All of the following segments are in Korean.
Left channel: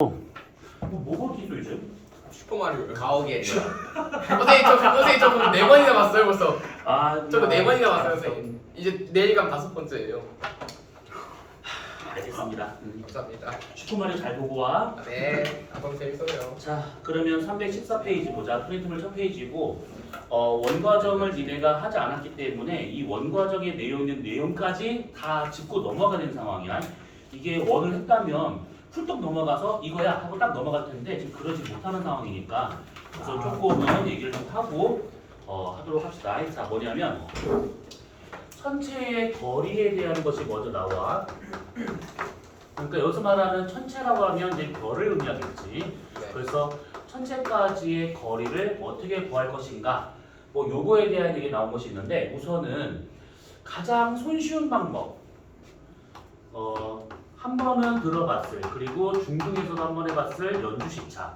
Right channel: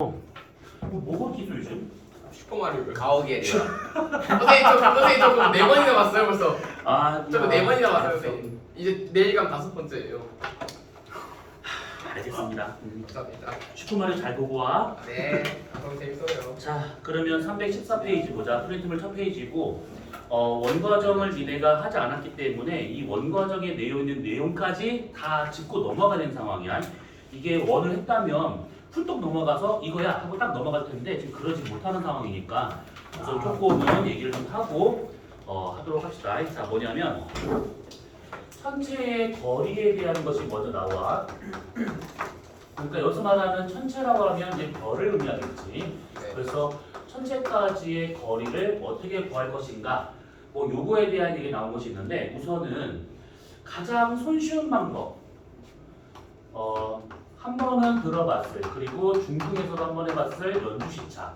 뭐가 기술이지? 슈퍼마리오 가오갤이요. 선생님 저 그거 4번이나 봤어요 벌써. 저거 4번이나 봤어요 선생님. 이제 내일감 5번째예요. 알겠습니다. 감사합니다. 슈퍼마리오 잘 보고 와. 네. 너무 재밌어요. 자, 그러면 314페이지 보자. 프린트물 첫 페이지고 원과정을 니네가 하지 않았기 때문에 이 원과정에 내용 있는 내용까지 다 짚고 넘어가는 상황이야. 이게 원을 했다면 훌떡 넘어가서 이거야 하고 딱 넘어갈 텐데 지금 그러지 못하는 상황이니까 그래서 조금은 얘기를 좀 하고 하도록 합시다. 자, 뭐냐면 천체의 거리에 대한 것이 먼저 나와. 그러니까 여기서 말하는 천체라고 하면 이제 별을 의미하겠지. 네. 그래서 천체까지의 거리를 어떻게 구할 것인가. 뭐 요거에 대한 얘기 나온 것이 있는데 우선은 가장 손쉬운 방법. 한 번은 들어봤을 그리고 중등에서도 한 번 해봤을 연주시차.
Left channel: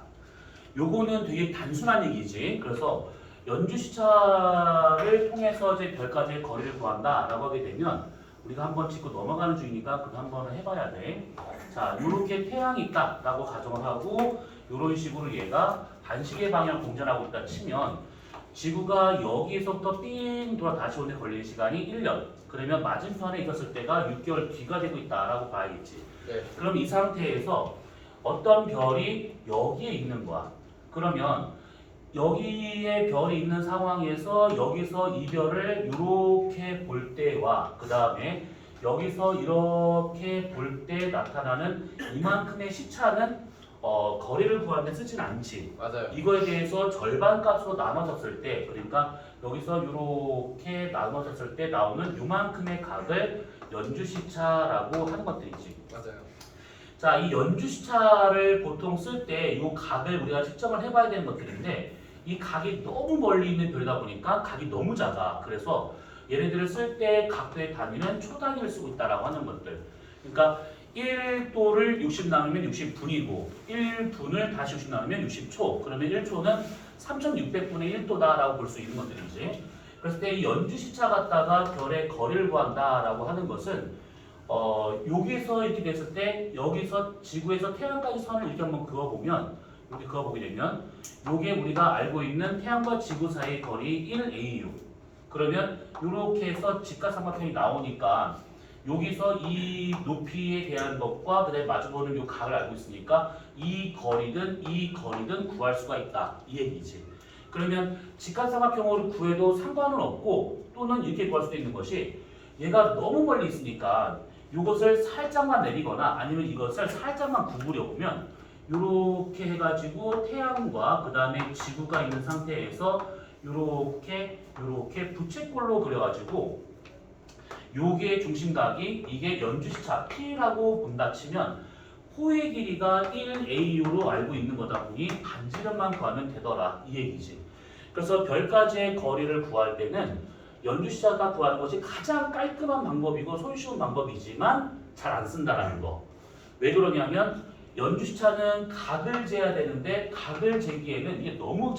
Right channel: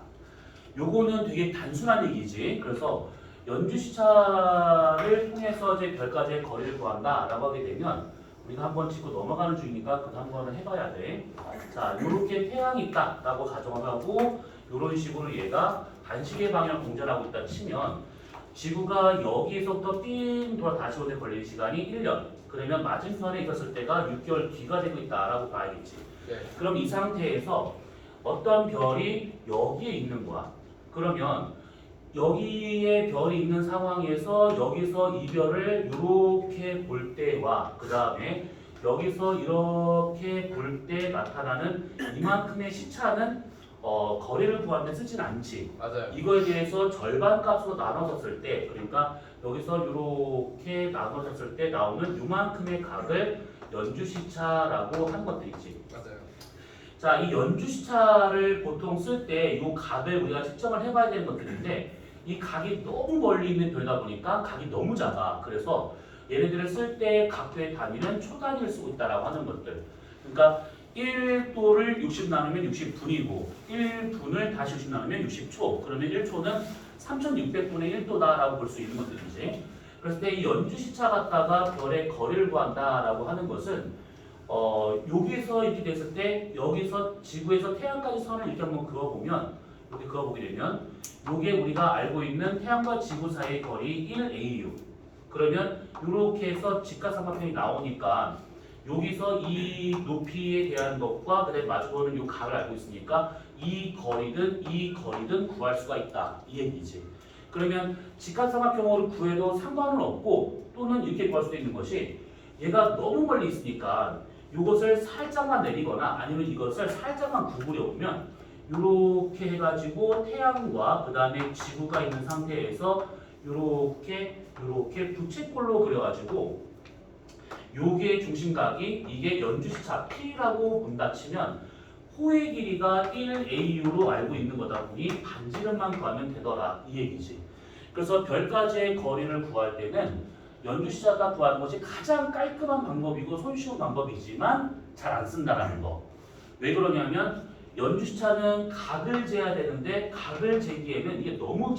요거는 되게 단순한 얘기지. 그래서 연주시차를 통해서 이제 별까지의 거리를 구한다라고 하게 되면 우리가 한번 짚고 넘어가는 중이니까 그거 한 번은 해봐야 돼. 자, 요렇게 태양이 있다라고 가정을 하고 요런 식으로 얘가 반시계 방향 공전하고 있다 치면 지구가 여기에서부터 삥 돌아 다시 오는데 걸릴 시간이 1년. 그러면 맞은편에 있었을 때가 6개월 뒤가 되고 있다라고 봐야겠지. 네. 그럼 이 상태에서 어떤 별이 여기에 있는 거야. 그러면 여기에 별이 있는 상황에서 여기서 이 별을 이렇게 볼 때와 그 다음에 여기서 이렇게 볼 때 나타나는 이만큼의 시차는 거리를 구하면 쓰진 않지. 맞아요. 이거에 대해서 절반 값으로 나눠졌을 때, 그러니까 여기서 이렇게 나눠졌을 때 나오는 이만큼의 각을 연주시차라고 하는 것들이지. 맞아요. 자, 이 연주시차를 보통 쓸 때 이 각을 우리가 측정을 해봐야 되는 것들인데 이 각이 너무 멀리 있는 별이다 보니까 각이 너무 작아. 그래서 얘네들을 쓸 때 각도의 단위는 초 단위를 쓰고 있다라고 하는 것들. 그러니까 1도를 60 나누면 60분이고 1분을 다시 60 나누면 60초. 그러면 1초는 3600분의 1도다라고 볼 수 있는 것들이지. 그래서 이 연주시차 갖다가 별의 거리를 구한다라고 하는 것은 여기서 이렇게 됐을 때 여기서 지구에서 태양까지 선을 이렇게 한번 그어보면 이렇게 그어보게 되면 요게 우리가 알고 있는 태양과 지구 사이의 거리 1AU. 그러면 이렇게 해서 직각삼각형이 나오니까 여기서 이 높이에 대한 것과 그다음에 마주보는 이 각을 알고 있으니까 이 거리든 구할 수가 있다 이 얘기지. 그러면 직각삼각형으로 구해도 상관은 없고 또는 이렇게 구할 수도 있는 것이 얘가 너무 멀리 있으니까 이것을 살짝만 내리거나 아니면 이것을 살짝만 구부려 보면 이렇게 해가지고 태양과 그 다음에 지구가 있는 상태에서 이렇게 부채꼴로 그려가지고 요게 중심각이 이게 연주시차 P라고 본다 치면 호의 길이가 1AU로 알고 있는 거다 보니 반지름만 구하면 되더라 이 얘기지. 그래서 별까지의 거리를 구할 때는 연주시차가 구하는 것이 가장 깔끔한 방법이고 손쉬운 방법이지만 잘 안 쓴다라는 거. 왜 그러냐면 연주시차는 각을 재야 되는데 각을 재기에는 이게 너무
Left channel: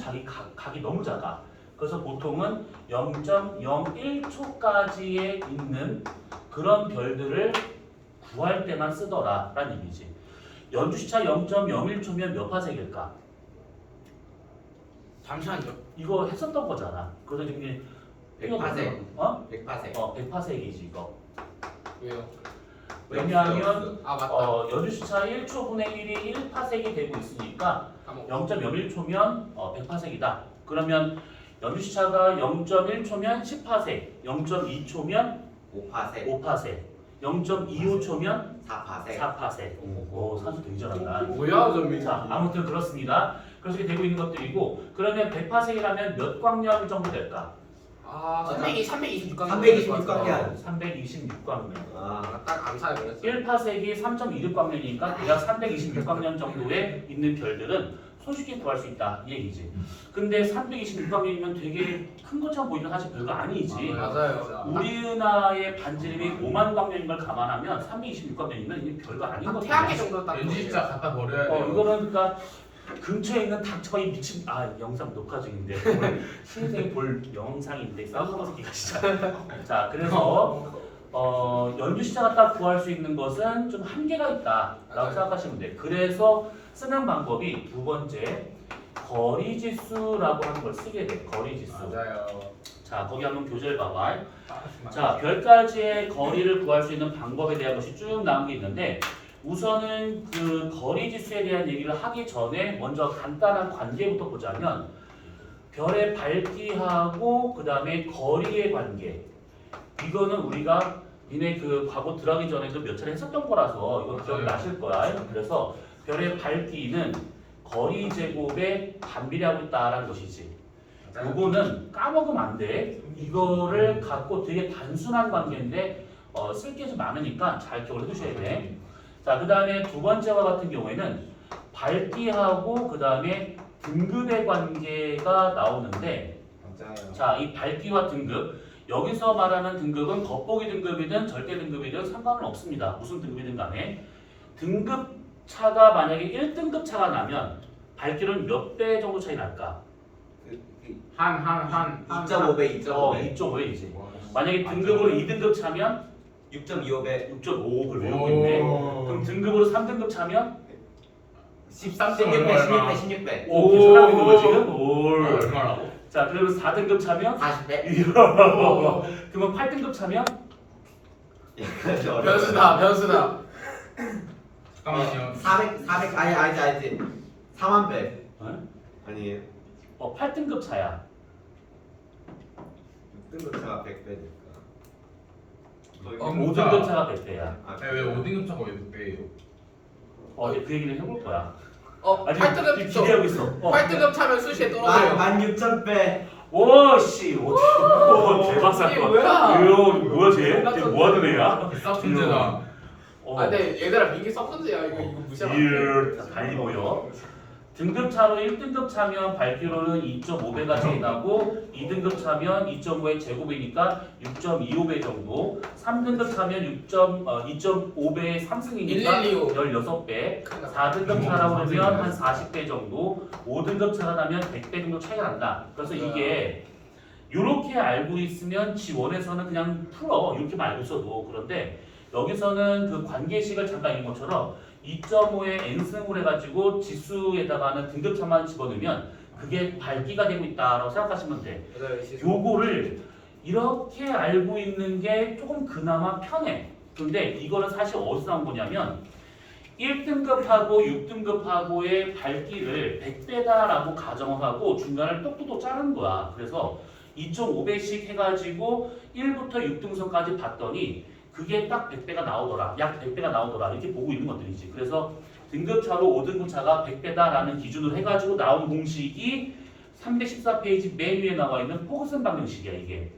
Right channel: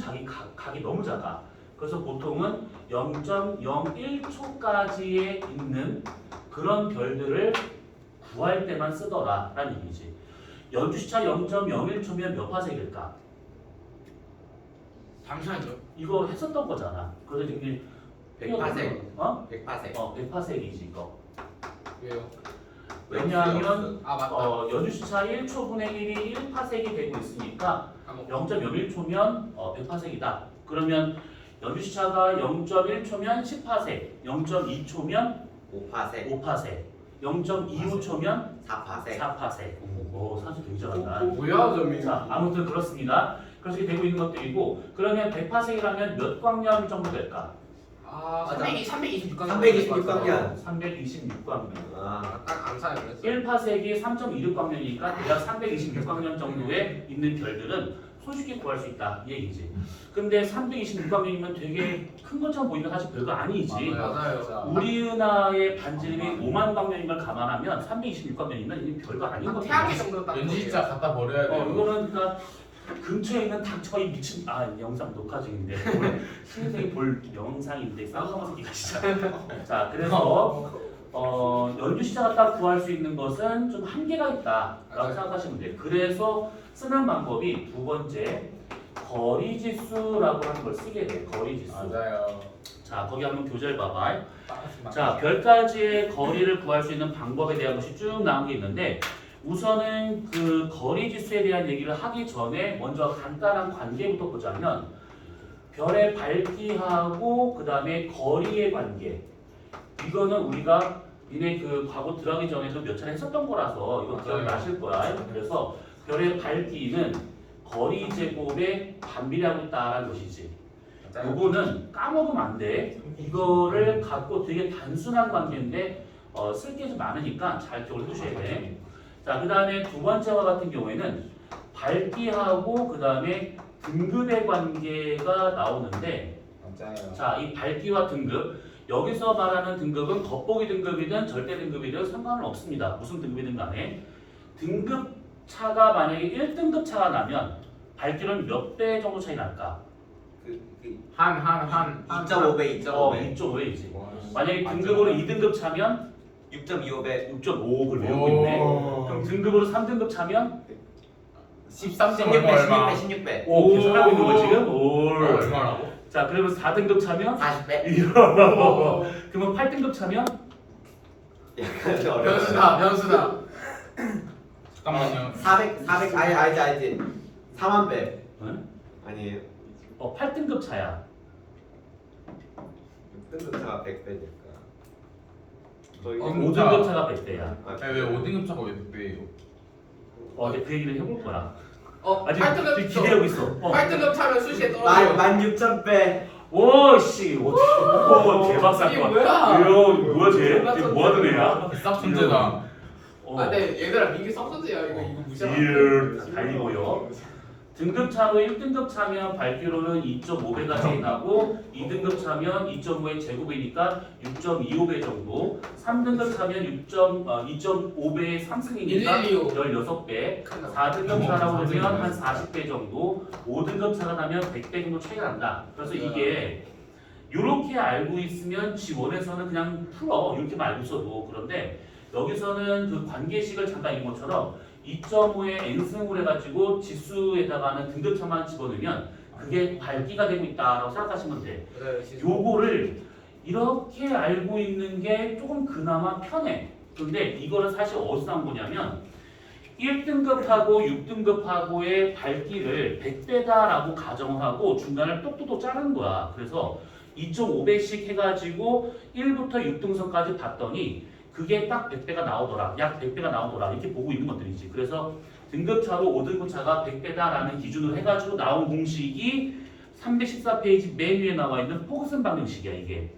각이 너무 작아. 그래서 보통은 0.01초까지에 있는 그런 별들을 구할 때만 쓰더라라는 얘기지. 연주시차 0.01초면 몇 파세기일까? 잠시만요. 이거 했었던 거잖아. 그래서 지금 100파세. 100파세. 100파세기지 이거. 왜요? 왜냐하면 맞다. 연주시차 1초분의 1이 1파세기 되고 있으니까 0.01초면 100파세기다. 그러면 연주시차가 0.1초면 10파세, 0.2초면 5파세, 5파세, 0.25초면 4파세. 4파세. 오, 산수 되게 잘한다. 뭐야 전민이? 자, 아무튼 그렇습니다. 그래서 이렇게 되고 있는 것들이고 그러면 100파세기라면 몇 광년 정도 될까? 326광년. 326광년. 326광년. 딱 암살해 버렸어. 1파세기 3.26광년이니까 대략 326광년 정도에 있는 별들은 손쉽게 구할 수 있다 이 얘기지. 근데 326광년이면 되게 큰 것처럼 보이면 사실 별거 아니지. 맞아요. 우리 은하의 반지름이 5만 광년인 걸 감안하면 326광년이면 이게 별거 아닌 거죠. 태양계 정도 딱. 연지자 갖다 버려야 돼요. 이거는 그러니까 근처에 있는 닥터의 미친 영상 녹화 중인데 오늘 신생이 볼 영상인데 쌍꺼풀 새끼가 진짜. 자, 그래서 연주시차가 딱 구할 수 있는 것은 좀 한계가 있다라고 맞아요. 생각하시면 돼요. 그래서 쓰는 방법이 두 번째 거리지수라고 하는 걸 쓰게 돼. 거리지수. 맞아요. 자, 거기 한번 교재를 봐봐. 빠르시만. 자, 별까지의 거리를 구할 수 있는 방법에 대한 것이 쭉 나온 게 있는데 우선은 그 거리지수에 대한 얘기를 하기 전에 먼저 간단한 관계부터 보자면 별의 밝기하고 그 다음에 거리의 관계. 이거는 우리가 니네 그 과거 들어가기 전에도 몇 차례 했었던 거라서 이거 기억이 맞아요. 나실 거야. 그래서 별의 밝기는 거리 제곱에 반비례하고 있다라는 것이지. 요거는 까먹으면 안 돼. 이거를 갖고 되게 단순한 관계인데 쓸 게 좀 많으니까 잘 기억을 해두셔야 돼. 자, 그 다음에 두 번째와 같은 경우에는 밝기하고 그 다음에 등급의 관계가 나오는데 맞아요. 자, 이 밝기와 등급 여기서 말하는 등급은 겉보기 등급이든 절대 등급이든 상관은 없습니다. 무슨 등급이든 간에 등급 차가 만약에 1등급 차가 나면 밝기는 몇 배 정도 차이 날까? 한 2.5배, 2.5배, 2.5배이지. 만약에 등급으로 2등급 차면 6.25배, 6.5를 외우고 있네. 그럼 등급으로 3등급 차면 13.5 16배, 얼마? 16배, 16배, 오 계산하고 있는 거 지금? 올. 얼마라고? 자, 그러면 4등급 차면 40배. 그러면 8등급 차면 면수다 면수다. 잠깐만요. 400, 알지. 4만 배. 응? 아니에요. 8등급 차야. 6등급차가 100배니까. 5등급 차가 100배야. 아니 왜 5등급 차가 왜 이제 그 얘기를 해볼 거야. 아직 8등급 기대하고 있어. 8등급 차면 수시에 떨어져요. 16,000배. 오씨, 오 대박 이게 사건. 뭐야? 이거 뭐야 쟤? 쟤 뭐하던 애야? 싹 천재다. 근데 얘들아 민기 썩선제야 이거 무시하면 이얼 달리고요. 등급 차로 1등급 차면 밝기로는 2.5배가 차이 나고 2등급 차면 2.5의 제곱이니까 6.25배 정도. 3등급 차면 2.5배의 상승이니까 112요. 16배. 4등급 차라고 그러면 한 40배 정도. 5등급 차가 나면 100배 정도 차이가 난다. 그래서 이게 이렇게 알고 있으면 지원에서는 그냥 풀어. 이렇게만 알고 있어도. 그런데 여기서는 그 관계식을 잠깐 읽은 것처럼 2.5의 n승을 해가지고 지수에다가는 등급차만 집어넣으면 그게 밝기가 되고 있다라고 생각하시면 돼. 요거를 이렇게 알고 있는 게 조금 그나마 편해. 근데 이거는 사실 어디서 나온 거냐면 1등급하고 6등급하고의 밝기를 100배다라고 가정을 하고 중간을 똑똑똑 자른 거야. 그래서 2.5배씩 해가지고 1부터 6등선까지 봤더니 그게 딱 100배가 나오더라. 약 100배가 나오더라. 이렇게 보고 있는 것들이지. 그래서 등급차로 5등급 차가 100배다라는 기준으로 해가지고 나온 공식이 314페이지 맨 위에 나와 있는 포그슨 방정식이야 이게.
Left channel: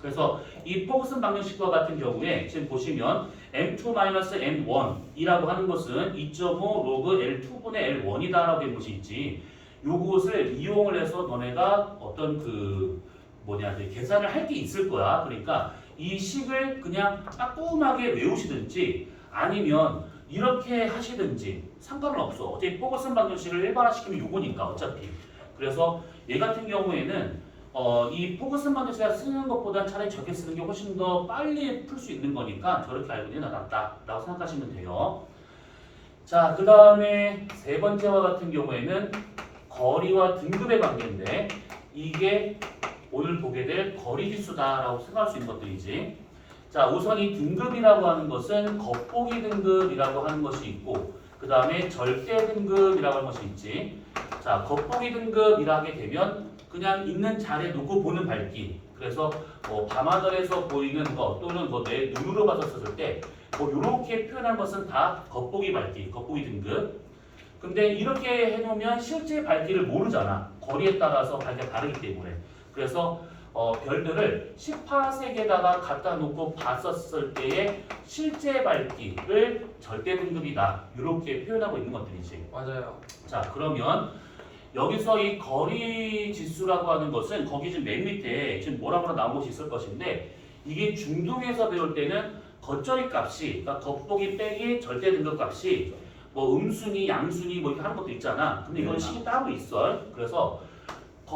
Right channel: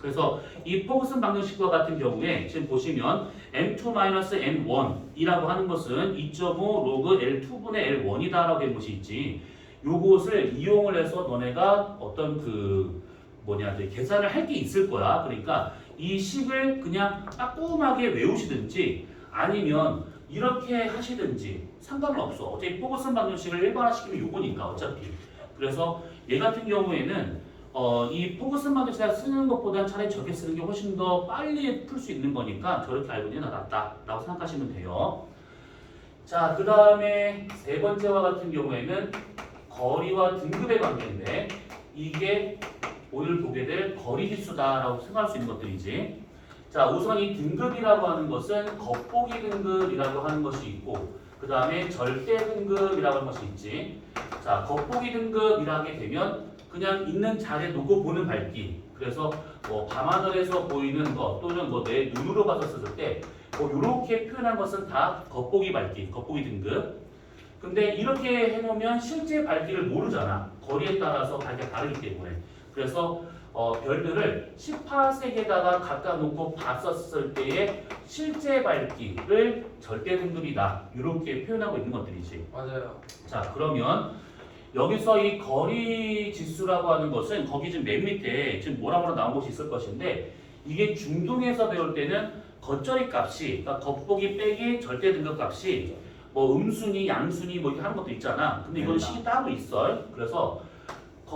그래서 이 포그슨 방정식과 같은 경우에 지금 보시면 m2-n1이라고 하는 것은 2.5 로그 L2분의 L1이다라고 된 것이 있지. 요것을 이용을 해서 너네가 어떤 계산을 할 게 있을 거야. 그러니까 이 식을 그냥 따끔하게 외우시든지 아니면 이렇게 하시든지 상관은 없어. 어차피 포그슨 방정식을 일반화시키면 요거니까 어차피. 그래서 얘 같은 경우에는 이 포그슨 방정식을 쓰는 것보다 차라리 저렇게 쓰는 게 훨씬 더 빨리 풀 수 있는 거니까 저렇게 알고 있는 게 낫다라고 생각하시면 돼요. 자, 그 다음에 세 번째와 같은 경우에는 거리와 등급의 관계인데 이게 오늘 보게 될 거리지수다라고 생각할 수 있는 것들이지. 자, 우선 이 등급이라고 하는 것은 겉보기 등급이라고 하는 것이 있고 그 다음에 절대 등급이라고 하는 것이 있지. 자, 겉보기 등급이라 하게 되면 그냥 있는 자리에 놓고 보는 밝기. 그래서 밤하늘에서 보이는 것 또는 내 눈으로 봤었을 때 이렇게 표현한 것은 다 겉보기 밝기, 겉보기 등급. 근데 이렇게 해놓으면 실제 밝기를 모르잖아. 거리에 따라서 밝기가 다르기 때문에. 그래서 별들을 18색에다가 갖다 놓고 봤었을 때의 실제 밝기를 절대 등급이다. 이렇게 표현하고 있는 것들이지. 맞아요. 자, 그러면 여기서 이 거리 지수라고 하는 것은 거기 지금 맨 밑에 지금 뭐라고 나온 것이 있을 것인데 이게 중등에서 배울 때는 겉절이 값이 그러니까 겉보기 빼기 절대 등급 값이 음순위, 양순위 이렇게 하는 것도 있잖아. 근데 이건 식이 따로 있어. 그래서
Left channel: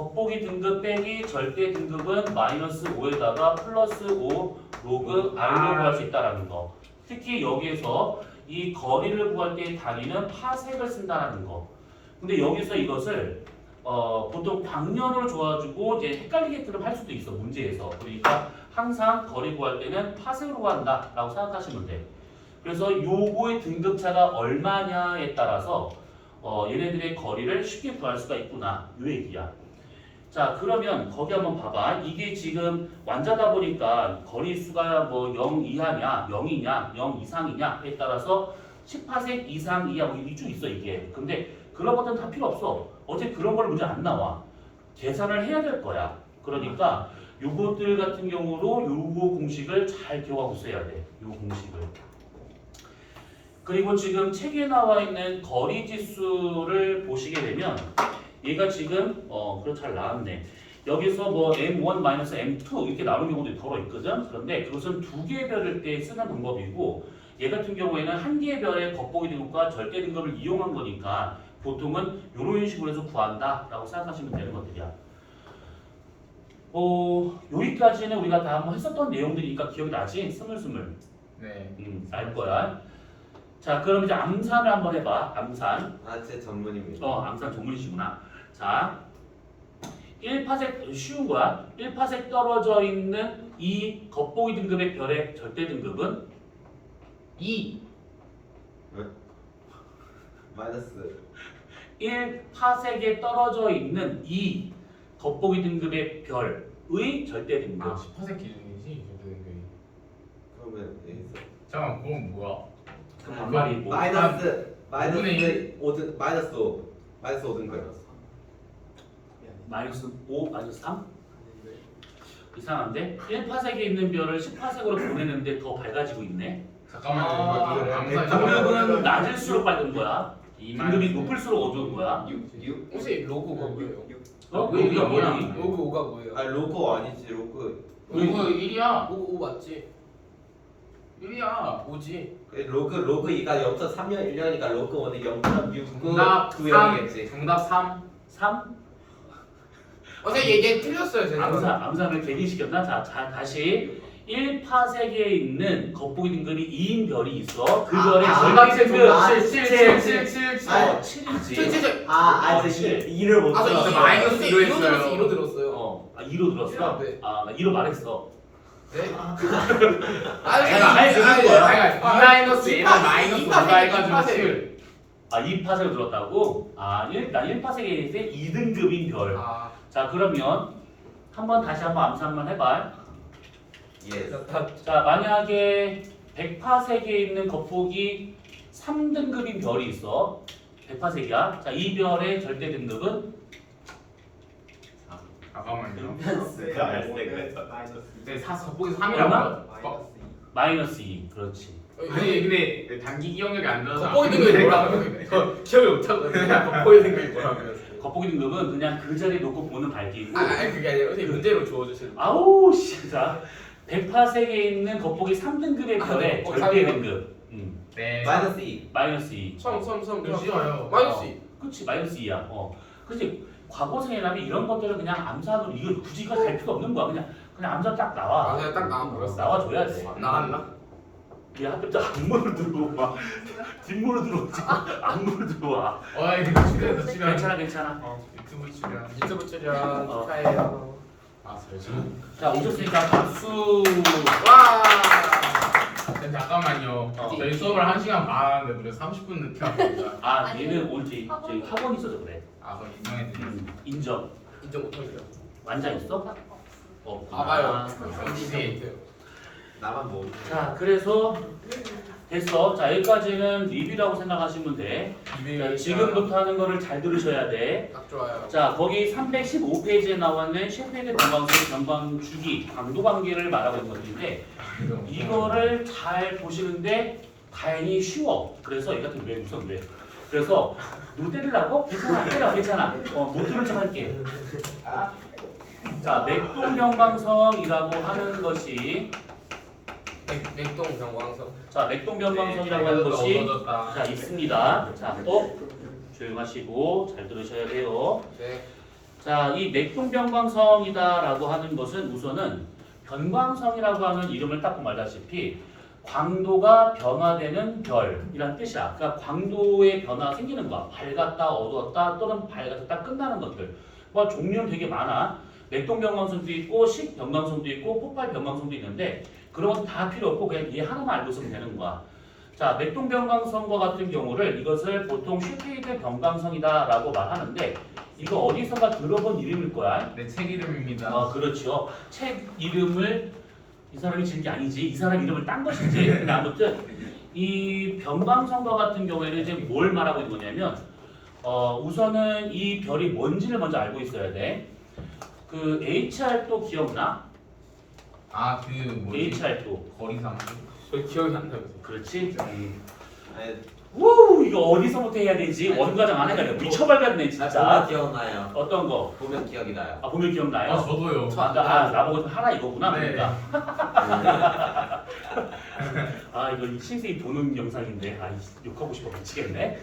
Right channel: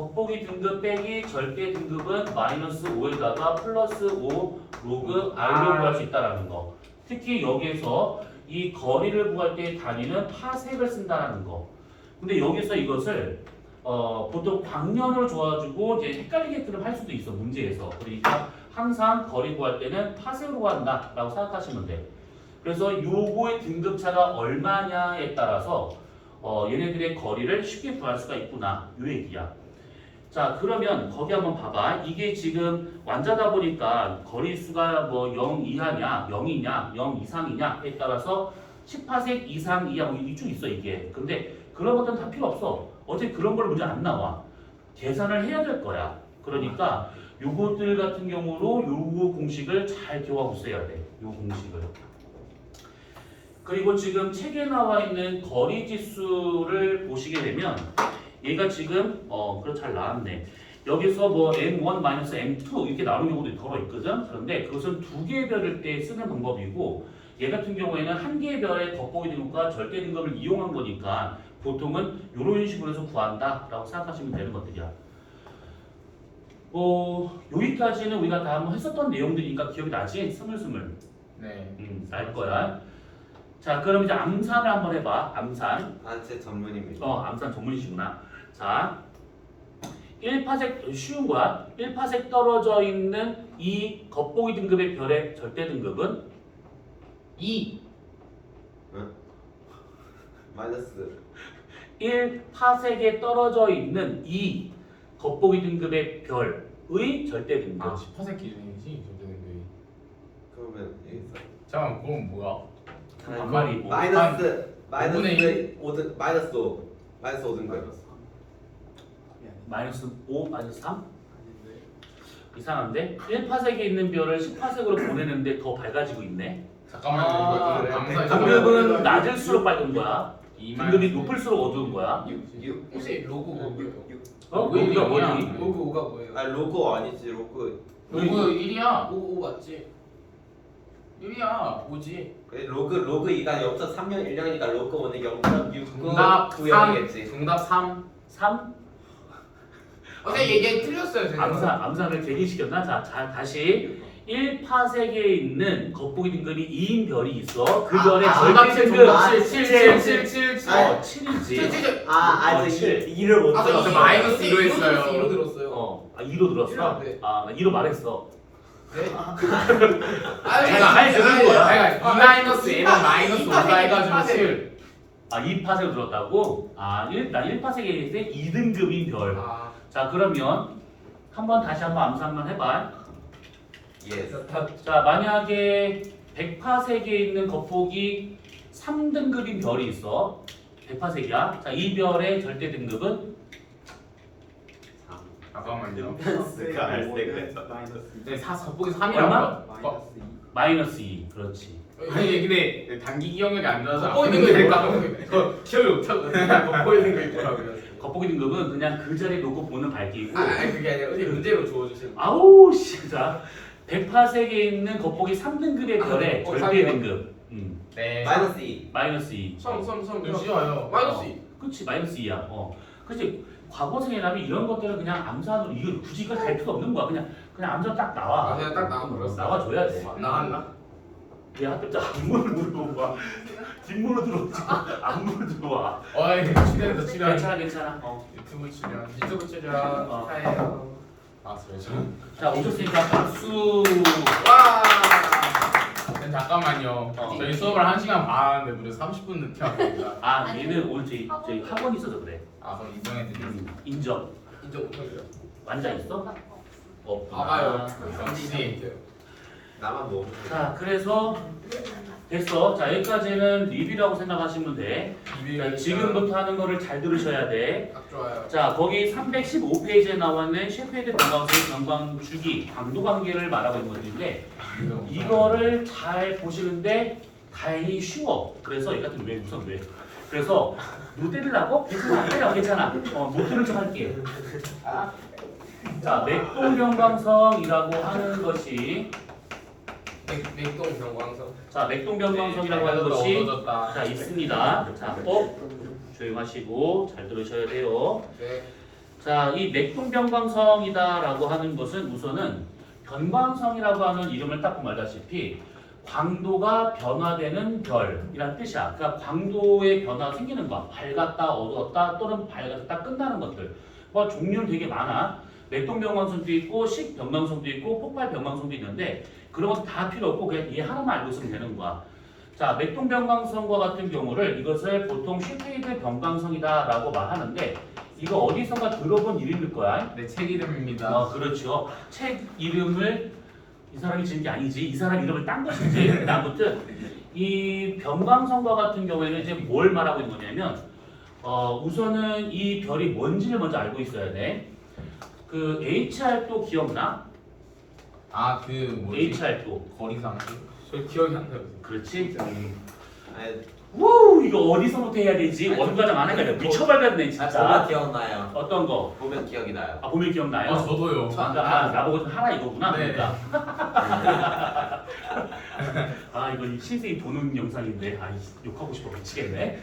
겉보기 등급 빼기 절대 등급은 마이너스 5에다가 플러스 5 로그 r로 구할 수 있다라는 거. 특히 여기에서 이 거리를 구할 때 단위는 파색을 쓴다라는 거. 근데 여기서 이것을 보통 방면으로 줘가지고 이제 헷갈리게끔 할 수도 있어 문제에서. 그러니까 항상 거리 구할 때는 파색으로 구한다라고 생각하시면 돼. 그래서 요거의 등급차가 얼마냐에 따라서 얘네들의 거리를 쉽게 구할 수가 있구나 요 얘기야. 자 그러면 거기 한번 봐봐. 이게 지금 완자다 보니까 거리수가 뭐 0 이하냐 0이냐 0 이상이냐에 따라서 18색 이상 이하 뭐 이쪽 있어 이게. 근데 그런 것들은 다 필요 없어. 어제 그런 걸 문제 안 나와. 계산을 해야 될 거야. 그러니까 요것들 같은 경우로 요거 공식을 잘 기억하고 있어야 돼. 요 공식을. 그리고 지금 책에 나와 있는 거리 지수를 보시게 되면 얘가 지금 그래 잘 나왔네. 여기서 뭐 m1 m2 이렇게 나오는 경우도 걸어 있거든. 그런데 그것은 두 개의 별일 때 쓰는 방법이고 얘 같은 경우에는 한 개의 별의 겉보기 등급과 절대 등급을 이용한 거니까 보통은 이런 식으로 해서 구한다라고 생각하시면 되는 것들이야. 여기까지는 우리가 다 한번 했었던 내용들이니까 기억이 나지? 스물스물. 네. 날 거야. 자, 그럼 이제 암산을 한번 해봐. 암산. 제 전문입니다. 암산 전문이시구나. 자, 1파색 쉬운 거야. 1파색 떨어져 있는 이 겉보기 등급의 별의 절대 등급은 2. 마이너스 1파색에 떨어져 있는 이 겉보기 등급의 별의 절대 등급. 10% 기준이지 절대. 그러면 여기서 잠깐 그건 뭐야? 반말이고. 마이너스 분의 5등 마이너스 5 마이너스 5등급. 마이너스 5, 마이너스 3? 이상한데? 1파색에 있는 별을 10파색으로 보내는데 더 밝아지고 있네. 잠깐만 그래요? 등급은 낮을수록 밝은 거야. 등급이 높을수록 어두운 거야. 6 혹시 로고가 뭐예요? 왜 이거 뭐니? 로고가 뭐예요? 아니 로고 아니지 로고. 로그 1이야. 오 맞지? 1이야. 5지. 로그 2가 0.3년 1년이니까 로그 1은 0.69 정답 9년이겠지. 정답 3. 3? 얘 틀렸어요 제가. 암산을 대기시켰나? 자, 다시 1파색에 있는 겉보기 등급이 2인 별이 있어. 그 별의 정답 절대 7 등급 정답 7 7 7 7 7. 7이지. 저 2를 못 아, 저 들었어. 마이너스 2로 했어요. 2로 들었어요. 2로 들었어? 네. 나 2로 말했어. 네? 내가 아예 들은 거야. 2 마이너스 N은 이파- 마이너스 이파- 5가 해가지고 이파색. 7. 2파색을 들었다고? 난 1파색에 있는 2등급인 별. 자, 그러면 다시 한번 암산만 해봐. 예. 자, 만약에 100파색에 있는 겉보기 3등급인 별이 있어. 100파색이야. 자, 이 별의 절대 등급은 잠깐만요. 가 알색을 네, 4 겉보기 3이라고. 얼마? 마이너스 2. 그렇지. 근데 단기 기억력이 안 좋아서 겉보기 안 등급이 뭐라고 기억이 못하거든요. 겉보기 등급이 뭐라고요? 겉보기 등급은 그냥 그 자리에 놓고 보는 밝기고. 그게 아니라 어디 문제로 주워주세요. 아우 씨. 자, 100파색에 있는 겉보기 3등급의 별의 절대 삼이요? 등급. 네. 마이너스 2. 마이너스 2. 성 쉬워요. 마이너스 2. 그렇지. 마이너스 2야. 그렇지. 과거생이라면 이런 것들을 그냥 암산으로 이거 굳이 이거 갈 필요 없는 거야. 그냥 암산 딱 나와. 그냥 딱 나와. 나와줘야 돼. 나왔나? 얘 하필 또 앞문을 들어와. 뒷문을 들어오지. 앞문을 들어와. 출연했다 출연. 괜찮아. 유튜브 출연. 유튜브 출연 어. 축하해요. 잠시만. 자, 오셨으니까 박수. 와. 잠깐만요. 저희 수업을 1시간 반 하는데 무려 30분 늦게 왔습니다. 얘는 오늘 저희 학원 있어서 그래. 그럼 인정해드리겠습니다. 인정. 인정 못하죠. 완장 있어? 없구나. 아요. 이제 나만 모르는. 자, 그래서 됐어. 자, 여기까지는 리뷰라고 생각하시면 돼. 자, 지금부터 하는 거를 잘 들으셔야 돼. 딱 좋아요. 자, 거기 315페이지에 나와 있는 셰프헤드 변광수 변광 주기 강도 관계를 말하고 있는 것들인데 이거를 잘 보시는데 다행히 쉬워. 그래서 얘 같은 왜 우선 왜? 그래서 누구 때리려고? 괜찮아. 못 들은 척 할게. 자, 맥동변광성이라고 하는 것이 맥동 병광석. 자, 맥동변광성이라고 하는 것이 자 있습니다. 자, 조용하시고 잘 들으셔야 돼요. 네. 자, 이 맥동변광성이다라고 하는 것은 우선은 변광성이라고 하는 이름을 딱 보면 알다시피 광도가 변화되는 별이란 뜻이야. 그러니까 광도의 변화가 생기는 거야. 밝았다, 어두웠다, 또는 밝았다 끝나는 것들. 뭐 종류는 되게 많아. 맥동변광성도 있고, 식변광성도 있고, 폭발변광성도 있는데 그런 건 다 필요 없고 그냥 얘 하나만 알고 있으면 되는 거야. 자, 맥동변광성과 같은 경우를 이것을 보통 슈테이드 변광성이다라고 말하는데 이거 어디선가 들어본 이름일 거야. 네, 책 이름입니다. 그렇죠. 책 이름을 이 사람이 지은 게 아니지. 이 사람 이름을 딴 것이지. 아무튼 이 변광성과 같은 경우에는 이제 뭘 말하고 있는 거냐면 우선은 이 별이 뭔지를 먼저 알고 있어야 돼. 그 HR2 기억나? 아, 그 뭐지? HR2. 거리상. 저 기억이 안 나요. 그렇지? 아니, 우 이거 어디서부터 해야 되지? 원가장 안 해가지고 미쳐버렸네 보면 진짜. 기억나요. 어떤 거? 보면 기억이 나요. 아 보면 기억나요? 아, 저도요. 나보고 좀 하라 이거구나. 네. 그러니까. 아 이거 신생이 보는 영상인데 욕하고 싶어 미치겠네.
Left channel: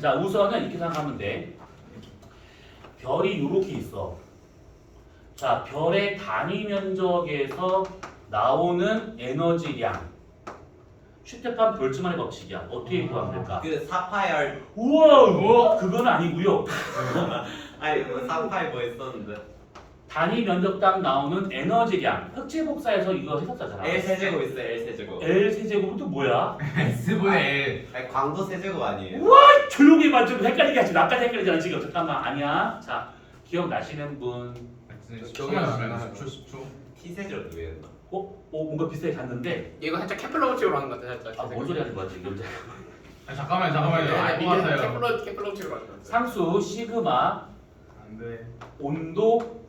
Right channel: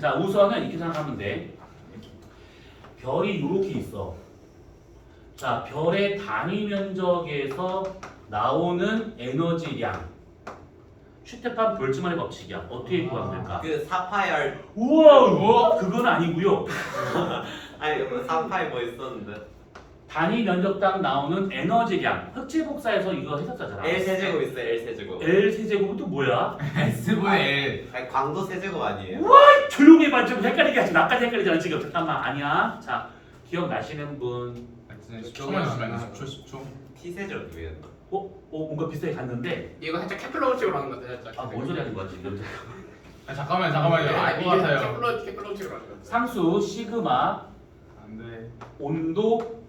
자 우선은 이렇게 생각하면 돼. 별이 이렇게 있어. 자 별의 단위 면적에서 나오는 에너지량. 슈테판 볼츠만의 법칙이야. 어떻게 구하면 될까? 그 사파이얼 우와! 그건 아니고요. 아니 사파이 뭐 있었는데 단위 면적당 나오는 에너지량. 흑지복사에서 이거 했었잖아. L 세제곱 있어요. L 세제곱. L 세제곱은 또 뭐야? S분의 L. 아니 광도 세제곱 아니에요? 조용히 해봐. 좀 헷갈리게 하지. 나까지 헷갈리잖아 지금. 잠깐만. 아니야. 자 기억나시는 분. 처음에 하면 10초. T 세제곱이에요. 뭔가 비슷하게 갔는데 이거 살짝 케플러식으로 하는 것 같아. 살짝. 뭔 소리 하는 거야 지금? 잠깐만요. 알것 같아요. 케플러식으로 하는 것 같아. 상수 시그마 안 돼. 온도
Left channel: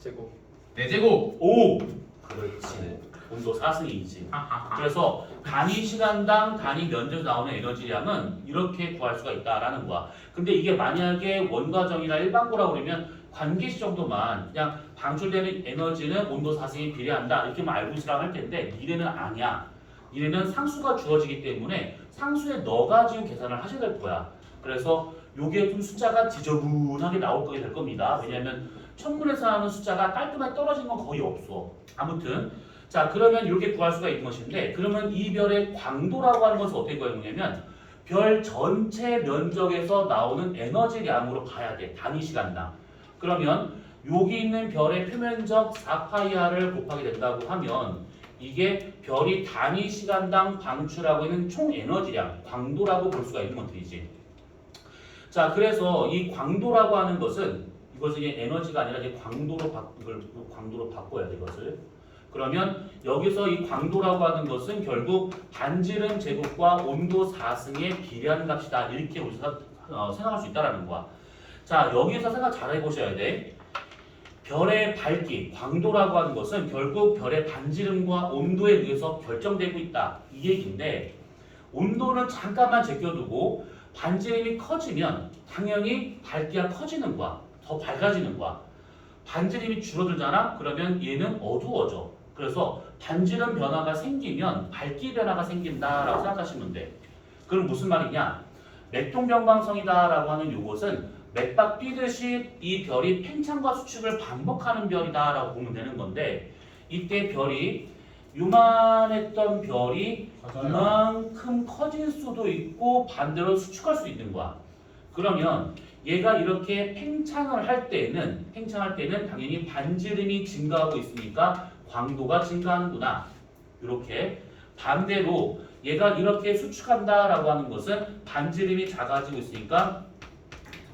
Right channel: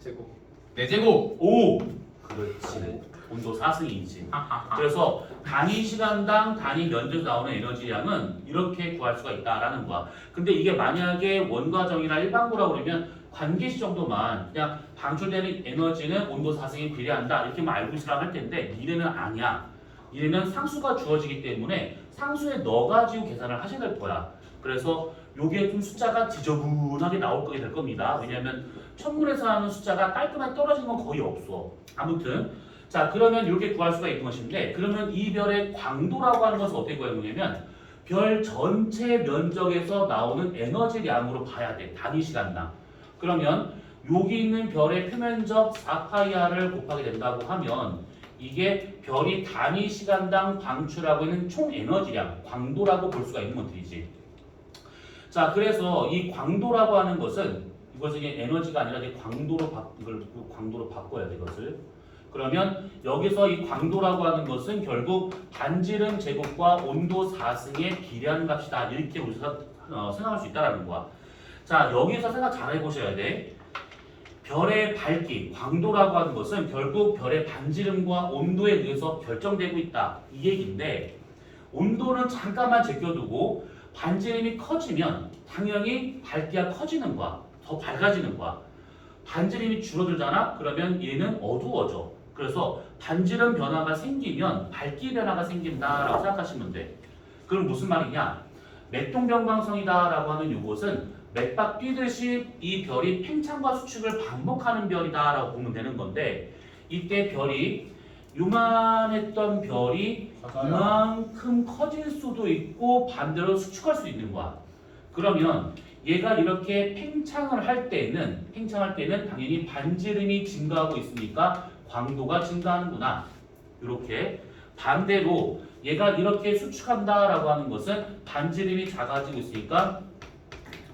제곱. 네 제곱. 5. 그렇지. 온도 4승이지. 그래서 단위 시간당 단위 면적에서 나오는 에너지량은 이렇게 구할 수가 있다라는 거야. 근데 이게 만약에 원과정이나 일반고라고 그러면 관계시 정도만 그냥 방출되는 에너지는 온도 4승에 비례한다 이렇게만 알고 있으라 할 텐데 미래는 아니야. 미래는 상수가 주어지기 때문에 상수에 넣어가지고 계산을 하셔야 될 거야. 그래서 요게 좀 숫자가 지저분하게 나올 거게 될 겁니다. 왜냐하면 천문에서 하는 숫자가 깔끔하게 떨어진 건 거의 없어. 아무튼 자 그러면 이렇게 구할 수가 있는 것인데 그러면 이 별의 광도라고 하는 것을 어떻게 구하느냐면 별 전체 면적에서 나오는 에너지량으로 봐야 돼. 단위 시간당. 그러면 여기 있는 별의 표면적 4파이R을 곱하게 된다고 하면 이게 별이 단위 시간당 방출하고 있는 총 에너지량, 광도라고 볼 수가 있는 것들이지. 자, 그래서 이 광도라고 하는 것은 이것은 이제 에너지가 아니라 이제 이걸 광도로 바꿔야 돼 이것을. 그러면 여기서 이 광도라고 하는 것은 결국 반지름 제곱과 온도 4승에 비례하는 값이다 이렇게 우리가 생각할 수 있다라는 거야. 자 여기서 생각 잘 해보셔야 돼. 별의 밝기, 광도라고 하는 것은 결국 별의 반지름과 온도에 의해서 결정되고 있다 이 얘기인데 온도는 잠깐만 제껴두고 반지름이 커지면 당연히 밝기가 커지는 거야. 더 밝아지는 거야. 반지름이 줄어들잖아? 그러면 얘는 어두워져. 그래서 반지름 변화가 생기면 밝기 변화가 생긴다라고 생각하시면 돼. 그럼 무슨 말이냐? 맥동변광성이다라고 하는 요것은 맥박 뛰듯이 이 별이 팽창과 수축을 반복하는 별이다라고 보면 되는 건데 이때 별이 요만했던 별이 이만큼 커질 수도 있고 반대로 수축할 수 있는 거야. 그러면 얘가 이렇게 팽창을 할 때는 당연히 반지름이 증가하고 있으니까 광도가 증가하는구나. 이렇게 반대로 얘가 이렇게 수축한다라고 하는 것은 반지름이 작아지고 있으니까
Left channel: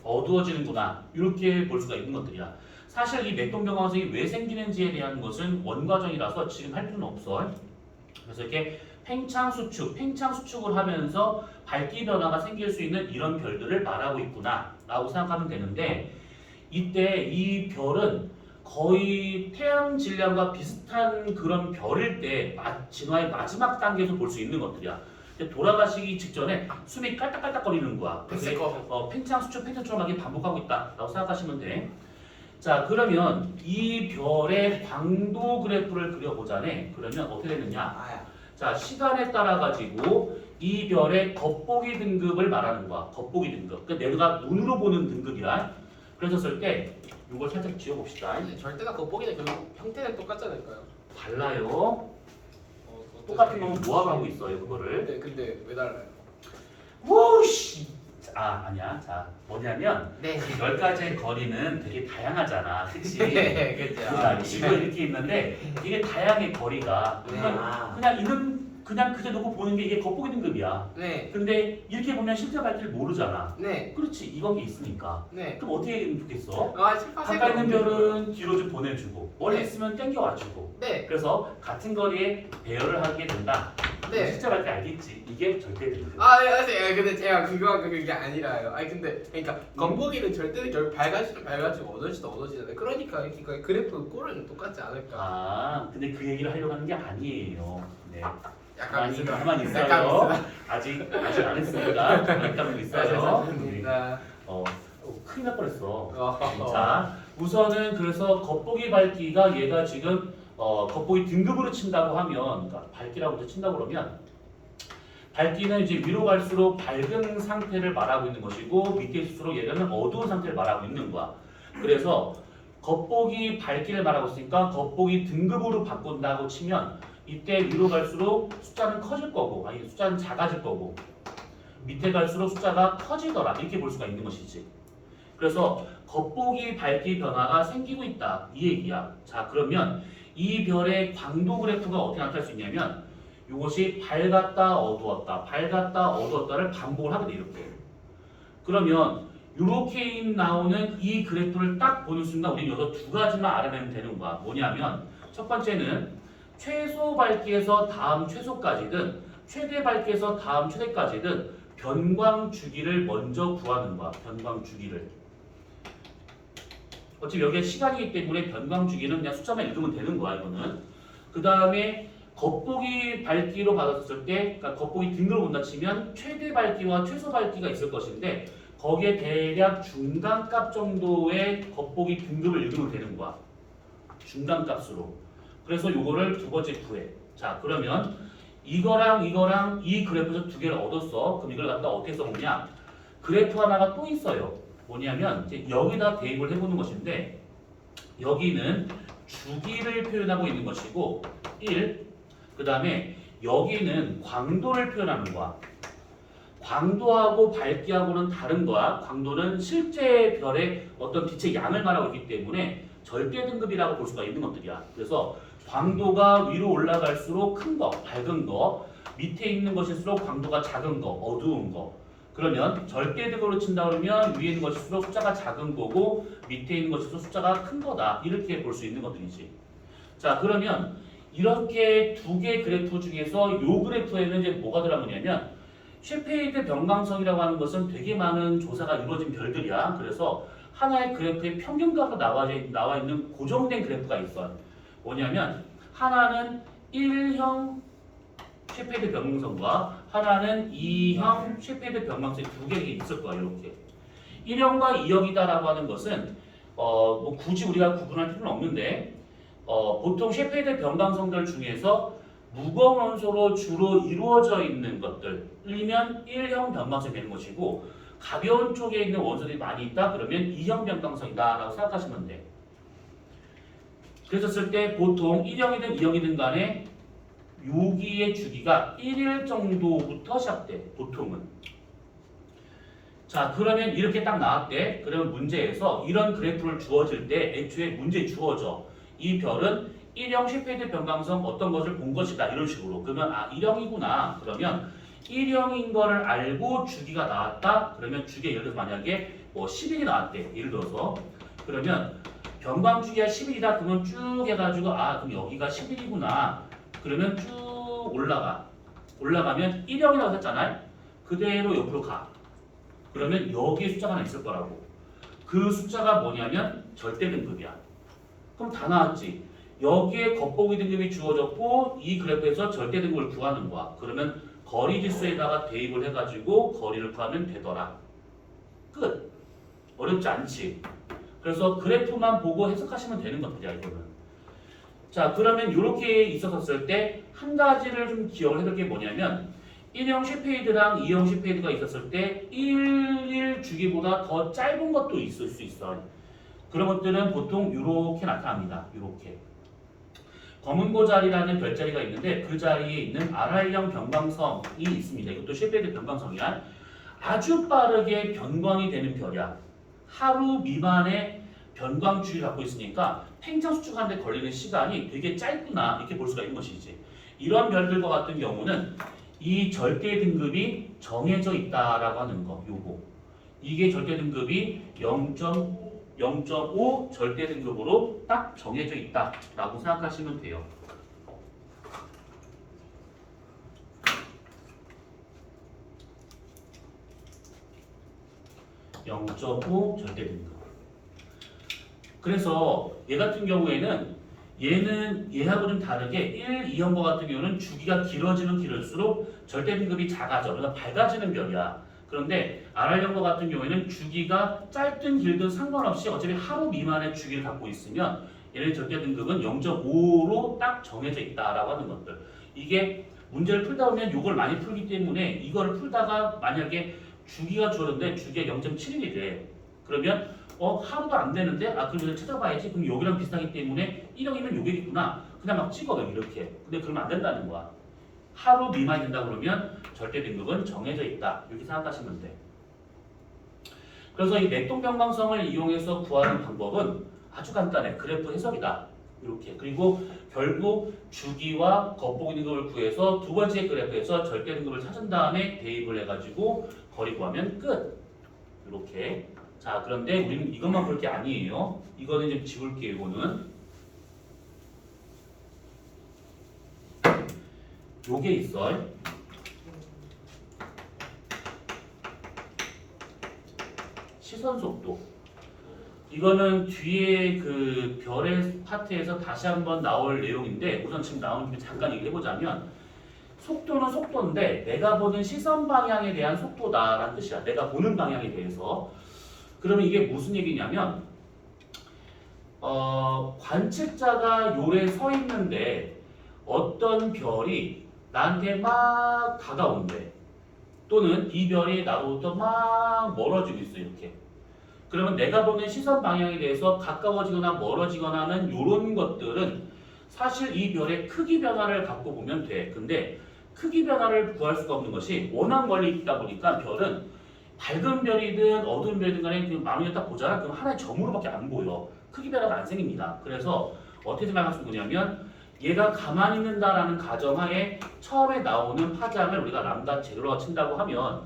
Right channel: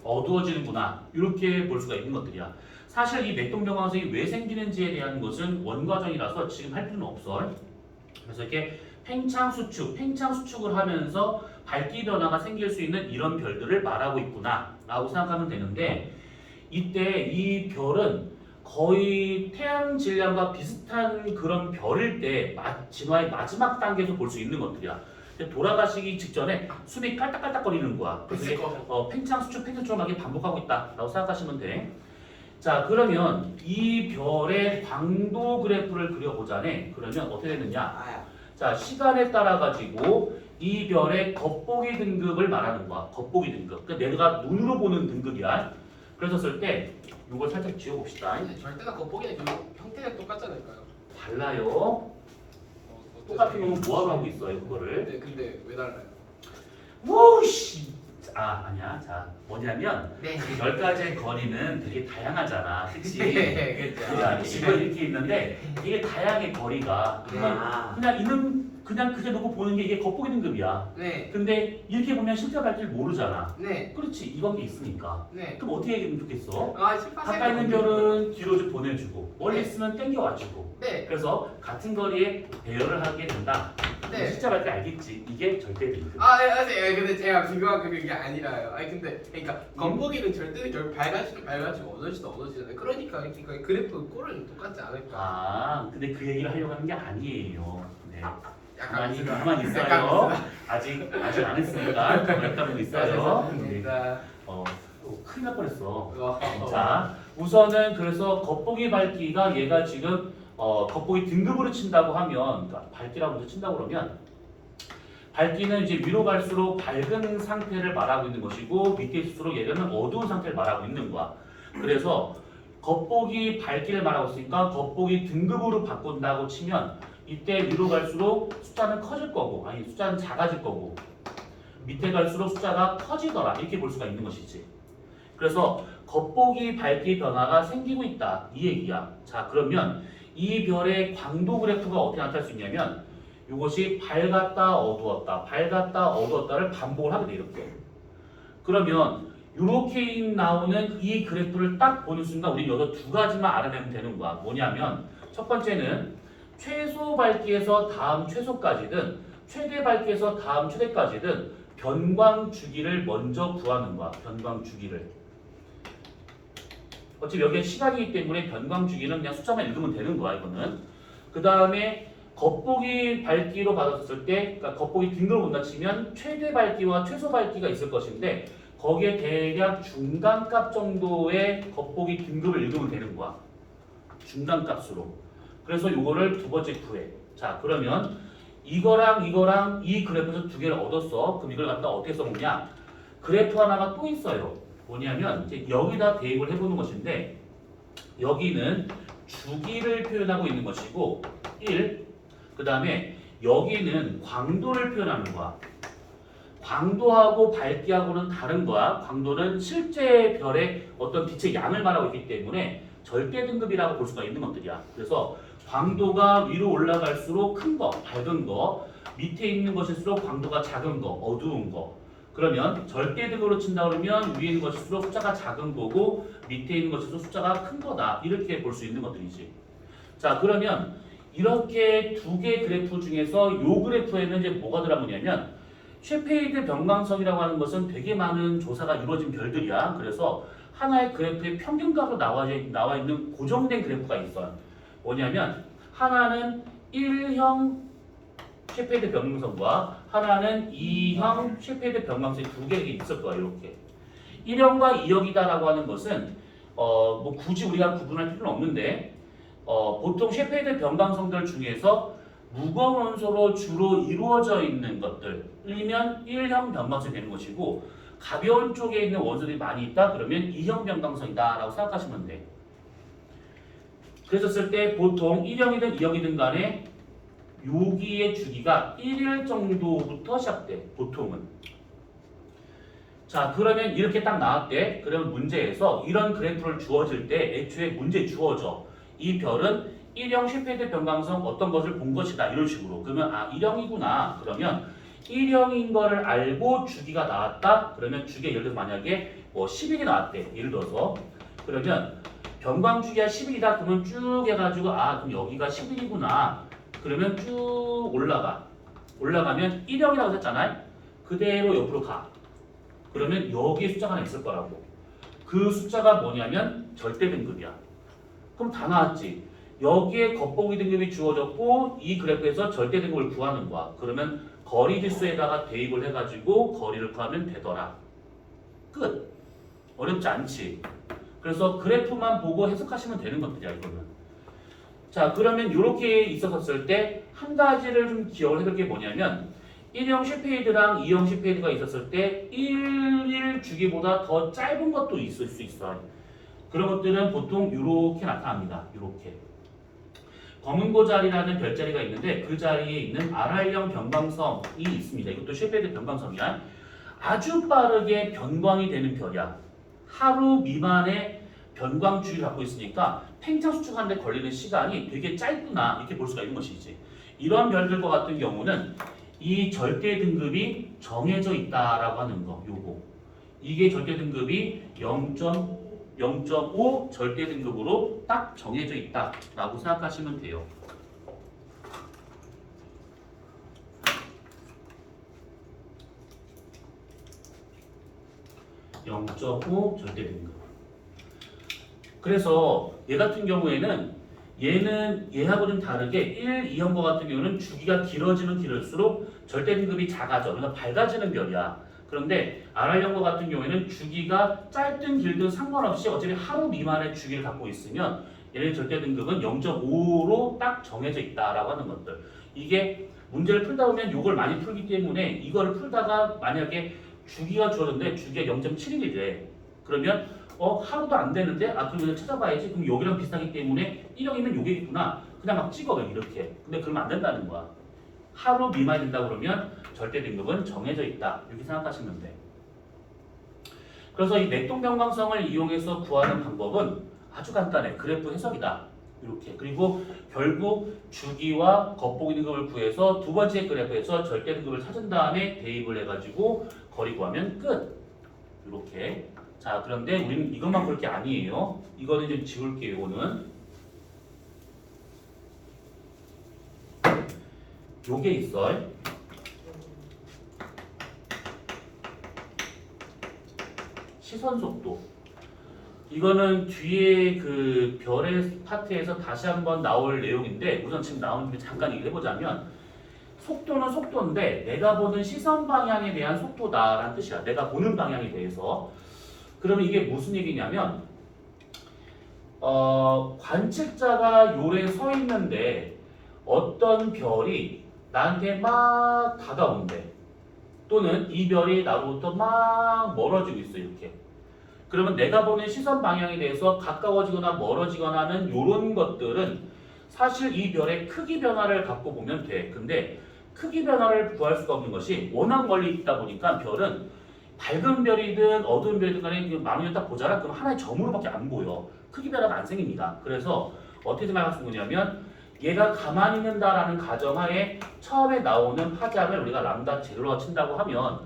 어두워지는구나. 이렇게 볼 수가 있는 것들이야. 사실 이 맥동변광성이 왜 생기는지에 대한 것은 원과정이라서 지금 할 필요는 없어. 그래서 이렇게 팽창 수축을 하면서 밝기 변화가 생길 수 있는 이런 별들을 말하고 있구나 라고 생각하면 되는데 이때 이 별은 거의 태양 질량과 비슷한 그런 별일 때 진화의 마지막 단계에서 볼 수 있는 것들이야. 돌아가시기 직전에 숨이 깔딱깔딱거리는 거야. 그래서 팽창 수축 팽창처럼 반복하고 있다라고 생각하시면 돼. 자 그러면 이 별의 광도 그래프를 그려보자네. 그러면 어떻게 되느냐? 자 시간에 따라 가지고 이 별의 겉보기 등급을 말하는 거야. 겉보기 등급. 그러니까 내가 눈으로 보는 등급이야. 그랬었을 때 이걸 살짝 지워봅시다. 아니, 절대가 겉보기는 결국 형태는 똑같지 않을까요? 달라요. 똑같은 거는 모아가고 있어요 그거를. 근데 왜 달라요? 오씨. 아니야. 자 뭐냐면 네. 이 10가지의 거리는 되게 다양하잖아. 그치? 네, 자, 그렇죠. 이거 이렇게 있는데 이게 다양해 거리가. 그냥 이는 그냥 그저 놓고 보는 게 이게 겉보기 등급이야. 네, 근데 이렇게 보면 실제 발길 모르잖아. 네, 그렇지 이건 게 있으니까. 네. 그럼 어떻게 얘기하면 좋겠어? 아, 실파생. 가까이 있는 별은 뒤로 좀 보내주고 멀리 네. 있으면 땡겨와주고. 네, 그래서 같은 거리에 배열을 하게 된다. 네. 실제 발길 알겠지? 이게 절대 등급. 네, 근데 제가 궁금한 게 그게 아니라요. 아니 근데 그러니까 겉보기는 절대는 결국 밝아지고 어두워지잖아요. 그러니까 그래프 꼴은 똑같지 않을까? 근데 그 얘기를 하려고 하는 게 아니에요. 네. 약간 가만히 있어요. 아직 안 했습니다. 가만히 있다고 있어요. 네. 큰일 날 뻔했어. 자, 우선은 그래서 겉보기 밝기가 얘가 지금 겉보기 등급으로 친다고 하면, 그러니까 밝기라고 먼저 친다고 그러면 밝기는 이제 위로 갈수록 밝은 상태를 말하고 있는 것이고 밑에 있을수록 얘는 어두운 상태를 말하고 있는 거야. 그래서 겉보기 밝기를 말하고 있으니까 겉보기 등급으로 바꾼다고 치면 이때 위로 갈수록 숫자는 커질 거고 아니 숫자는 작아질 거고 밑에 갈수록 숫자가 커지더라 이렇게 볼 수가 있는 것이지. 그래서 겉보기 밝기 변화가 생기고 있다 이 얘기야. 자 그러면 이 별의 광도 그래프가 어떻게 나타날 수 있냐면 이것이 밝았다 어두웠다 밝았다 어두웠다를 반복을 하게 돼 이렇게. 그러면 이렇게 나오는 이 그래프를 딱 보는 순간 우리 여기서 두 가지만 알아내면 되는 거야. 뭐냐면 첫 번째는 최소 밝기에서 다음 최소까지든 최대 밝기에서 다음 최대까지든 변광 주기를 먼저 구하는 거야. 변광 주기를. 어차피 여기가 시간이기 때문에 변광 주기는 그냥 숫자만 읽으면 되는 거야 이거는. 그 다음에 겉보기 밝기로 받았을 때, 그러니까 겉보기 등급을 본다 치면 최대 밝기와 최소 밝기가 있을 것인데 거기에 대략 중간값 정도의 겉보기 등급을 읽으면 되는 거야. 중간값으로. 그래서 요거를 두 번째 구해. 자 그러면 이거랑 이 그래프에서 두 개를 얻었어. 그럼 이걸 갖다 어떻게 써먹냐? 그래프 하나가 또 있어요. 뭐냐면 이제 여기다 대입을 해보는 것인데 여기는 주기를 표현하고 있는 것이고 1. 그 다음에 여기는 광도를 표현하는 거야. 광도하고 밝기하고는 다른 거야. 광도는 실제 별의 어떤 빛의 양을 말하고 있기 때문에 절대 등급이라고 볼 수가 있는 것들이야. 그래서 광도가 위로 올라갈수록 큰 거, 밝은 거, 밑에 있는 것일수록 광도가 작은 거, 어두운 거. 그러면 절대 등급으로 친다 그러면 위에 있는 것일수록 숫자가 작은 거고 밑에 있는 것일수록 숫자가 큰 거다. 이렇게 볼 수 있는 것들이지. 자, 그러면 이렇게 두 개 그래프 중에서 요 그래프에는 이제 뭐가 들어가냐면 셰페이드 변광성이라고 하는 것은 되게 많은 조사가 이루어진 별들이야. 그래서 하나의 그래프에 평균값으로 나와 있는 고정된 그래프가 있어. 뭐냐면 하나는 1형 셰페이드 변광성과 하나는 2형 셰페이드 변광성이 두 개가 있을 거야. 이렇게 1형과 2형이다라고 하는 것은 뭐 굳이 우리가 구분할 필요는 없는데 보통 셰페이드 변광성들 중에서 무거운 원소로 주로 이루어져 있는 것들이면 1형 변광성이 되는 것이고 가벼운 쪽에 있는 원소들이 많이 있다 그러면 2형 변광성이다 라고 생각하시면 돼. 그랬었을 때 보통 1형이든 2형이든 간에 여기의 주기가 1일 정도부터 시작돼 보통은. 자 그러면 이렇게 딱 나왔대. 그러면 문제에서 이런 그래프를 주어질 때 애초에 문제에 주어져. 이 별은 1형 셰페이드 변광성 어떤 것을 본 것이다 이런 식으로. 그러면 1형이구나. 그러면 1형인 거를 알고 주기가 나왔다. 그러면 주기가 예를 들어서 만약에 뭐 10일이 나왔대. 예를 들어서 그러면 변광 주기가 10일이다. 그러면 쭉 해가지고 그럼 여기가 10일이구나. 그러면 쭉 올라가면 1형이라고 했잖아요. 그대로 옆으로 가. 그러면 여기에 숫자가 하나 있을 거라고. 그 숫자가 뭐냐면 절대 등급이야. 그럼 다 나왔지. 여기에 겉보기 등급이 주어졌고 이 그래프에서 절대 등급을 구하는 거야. 그러면 거리 지수에다가 대입을 해가지고 거리를 구하면 되더라. 끝. 어렵지 않지. 그래서 그래프만 보고 해석하시면 되는 것들이야 이거는. 자 그러면 이렇게 있었을 때 한 가지를 좀 기억을 해둘 게 뭐냐면 1형 셰페이드랑 2형 셰페이드가 있었을 때 1일 주기보다 더 짧은 것도 있을 수 있어요. 그런 것들은 보통 이렇게 나타납니다. 이렇게 검은고 자리라는 별자리가 있는데 그 자리에 있는 R형 변광성이 있습니다. 이것도 셰페드 변광성이야. 아주 빠르게 변광이 되는 별이야. 하루 미만의 변광 주기를 갖고 있으니까 팽창 수축하는 데 걸리는 시간이 되게 짧구나 이렇게 볼 수가 있는 것이지. 이런 별들과 같은 경우는 이 절대 등급이 정해져 있다라고 하는 거. 요거. 이게 절대 등급이 0.5 절대 등급으로 딱 정해져 있다라고 생각하시면 돼요. 0.5 절대 등급. 그래서 얘 같은 경우에는 얘하고 좀 다르게 1, 2형과 같은 경우는 주기가 길어지면 길을수록 절대 등급이 작아져. 그러니까 밝아지는 별이야. 그런데 R형과 같은 경우에는 주기가 짧든 길든 상관없이 어차피 하루 미만의 주기를 갖고 있으면 얘네 절대 등급은 0.5로 딱 정해져 있다라고 하는 것들. 이게 문제를 풀다 보면 이걸 많이 풀기 때문에 이거를 풀다가 만약에 주기가 줄었는데 주기가 0.7일이 돼. 그러면 하루도 안 되는데 그럼 이거 찾아봐야지. 그럼 여기랑 비슷하기 때문에 1형이면 요게있구나. 그냥 막 찍어 이렇게. 근데 그러면 안 된다는 거야. 하루 미만이 된다고 그러면 절대 등급은 정해져 있다. 이렇게 생각하시면 돼. 그래서 이 맥동변광성을 이용해서 구하는 방법은 아주 간단해. 그래프 해석이다. 이렇게. 그리고 결국 주기와 겉보기 등급을 구해서 두 번째 그래프에서 절대 등급을 찾은 다음에 대입을 해가지고 거리 구하면 끝. 이렇게. 자, 그런데 우리는 이것만 볼 게 아니에요. 이거는 좀 지울게요. 이거는. 요게 있어. 시선 속도. 이거는 뒤에 그 별의 파트에서 다시 한번 나올 내용인데 우선 지금 나온 김에 잠깐 얘기를 해보자면 속도는 속도인데 내가 보는 시선 방향에 대한 속도다라는 뜻이야. 내가 보는 방향에 대해서. 그러면 이게 무슨 얘기냐면 관측자가 요래 서 있는데 어떤 별이 나한테 막 다가온대. 또는 이 별이 나로부터 막 멀어지고 있어 이렇게. 그러면 내가 보는 시선 방향에 대해서 가까워지거나 멀어지거나 하는 이런 것들은 사실 이 별의 크기 변화를 갖고 보면 돼. 근데 크기 변화를 구할 수가 없는 것이 워낙 멀리 있다 보니까 별은 밝은 별이든 어두운 별이든 간에 그 망원을 딱 보잖아. 그럼 하나의 점으로밖에 안 보여. 크기 변화가 안 생깁니다. 그래서 어떻게 생각할 수 있느냐면 얘가 가만히 있는다라는 가정하에 처음에 나오는 파장을 우리가 람다 제로라고 친다고 하면